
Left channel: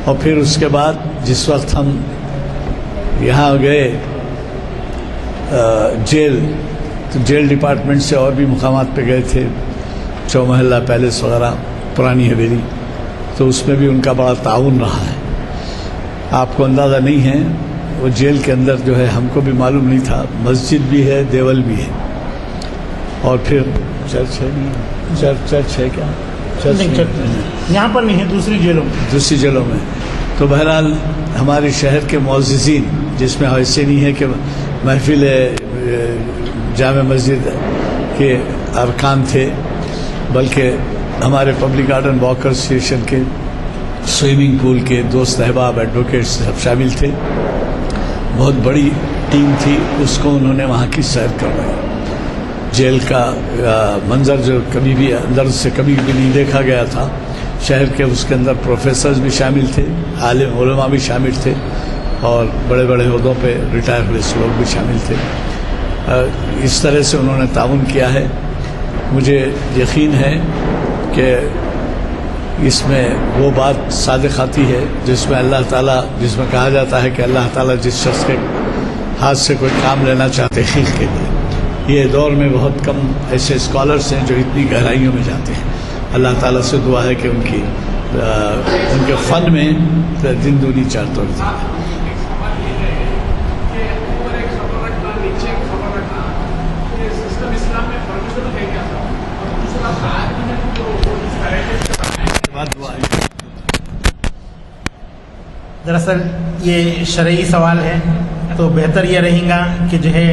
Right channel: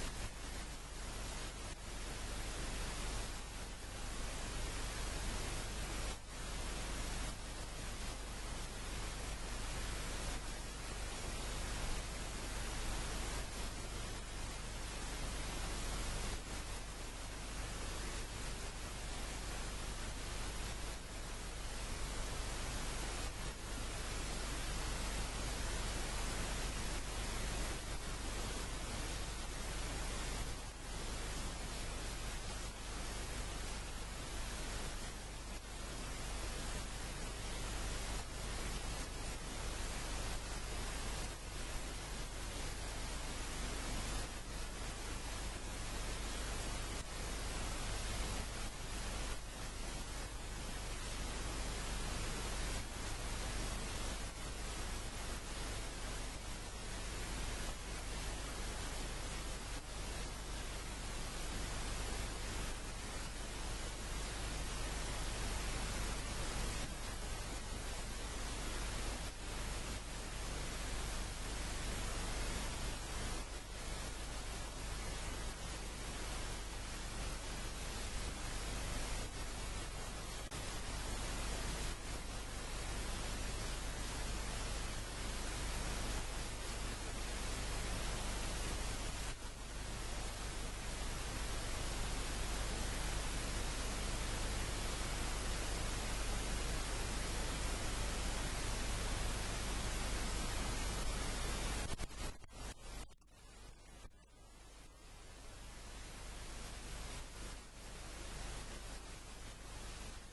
اور پھر اس کے بعد جس وقت ہم یہاں گئے جیل تو جیل ڈپارٹمنٹ سے اور بھی مقامات پہ گئے تھے چومحلہ پیلس وغیرہ پرانی حویلی تو اس میں بھی ان کا بڑا تعاون رہا ہے. آپ کو اندازہ نہیں ہے وہ جیل کے اندر جو ہے ہم کو بھی معلوم نہیں تھا مسجد بھی ہے دیول بھی ہے اور پھر چرچ ہے نہیں چرچ ہے کیا یہاں پر نہیں ہے دوسری جیلوں میں. تو بہرحال ہمارے شہر کے معززین جس میں ایسے نہیں ہے کہ محفل جامع مسجد کے ارکان تھے بلکہ ہمارے پبلک گارڈن واکر اسٹیشن کے سوئمنگ پول کے دوست احباب ایڈوکیٹس سب شامل تھے. بہت بڑی ٹیم تھی اس کو انہوں نے وہاں کی سیر کروائی. جیل کا منظر جو کبھی بھی اندر سے کبھی بھی نہیں دیکھا گیا تھا. شہر کے اس کے اندر پروفیسرز بھی شامل تھے عالم علماء بھی شامل تھے اور بڑے بڑے عہدوں پہ ریٹائر ہوئے لوگ بھی شامل تھے. اس طرح سے انہوں نے تعاون کیا ہے. مجھے یقین ہے کہ اس میں وہ بات صادق آتی ہے جس میں اللہ تعالیٰ جس میں کہا جاتا ہے کہ اللہ تعالیٰ جس شخص کے ہاتھ سے کوئی کام لینا چاہتے ہیں تحقیق کے لیے. یہ دور میں بہت کم ایسے اسکالرس ہیں جو اتنی گہرائیوں میں جاتے ہیں. اللہ تعالیٰ سے دعا ہے کہ ان کے فن میں دن دنی چار توڑ دی. دراصل یہ شرعی سوال ہے تو بہتر یہ رہے گا کہ جو ہے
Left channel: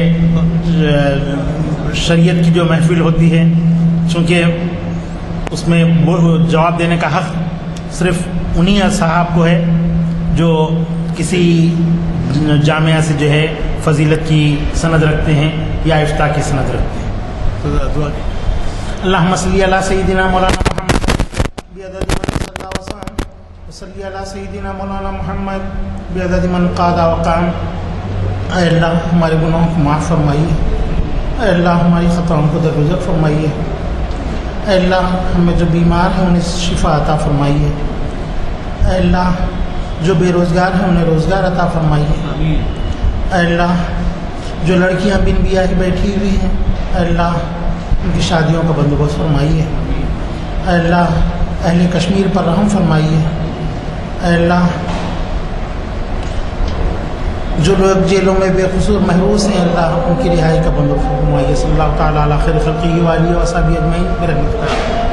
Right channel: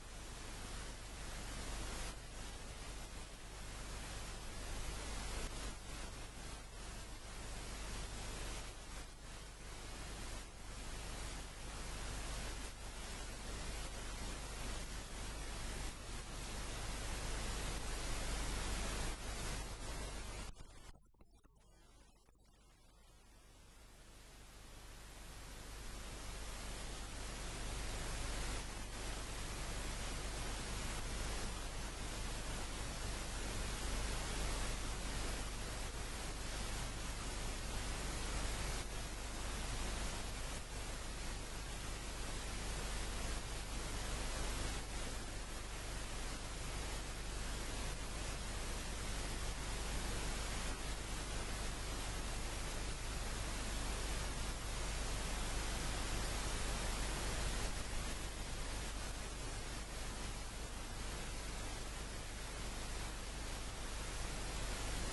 شریعت کی جو محفل ہوتی ہے چونکہ اس میں جواب دینے کا حق صرف انہی صاحب کو ہے جو کسی جامعہ سے جو ہے فضیلت کی سند رکھتے ہیں یا افتاء کی سند رکھتے ہیں. اللہم صلی علی سیدنا مولانا محمد بعدد من صلی وسلم وصلی علی سیدنا مولانا محمد بعدد من قاد وقام. اے اللہ ہمارے گناہوں کو معاف فرمائیے. اے اللہ ہماری خطاؤں کو درگزر فرمائیے. اے اللہ ہمیں جو بیمار ہیں انہیں شفا عطا فرمائیے. اے اللہ جو بے روزگار ہیں انہیں روزگار عطا فرمائیے. اے اللہ جو لڑکیاں بن بیاہ بیٹھی ہوئی ہیں اے اللہ ان کی شادیوں کا بندوبست فرمائیے. اے اللہ اہل کشمیر پر رحم فرمائیے. اے اللہ جو لوگ جیلوں میں بے قصور محروس ہیں اللہ ان کی رہائی کا بندوبست فرمائیے. صلی اللہ تعالیٰ علی خیر خلقہ و آلہ و صحبہ اجمعین برحمتک.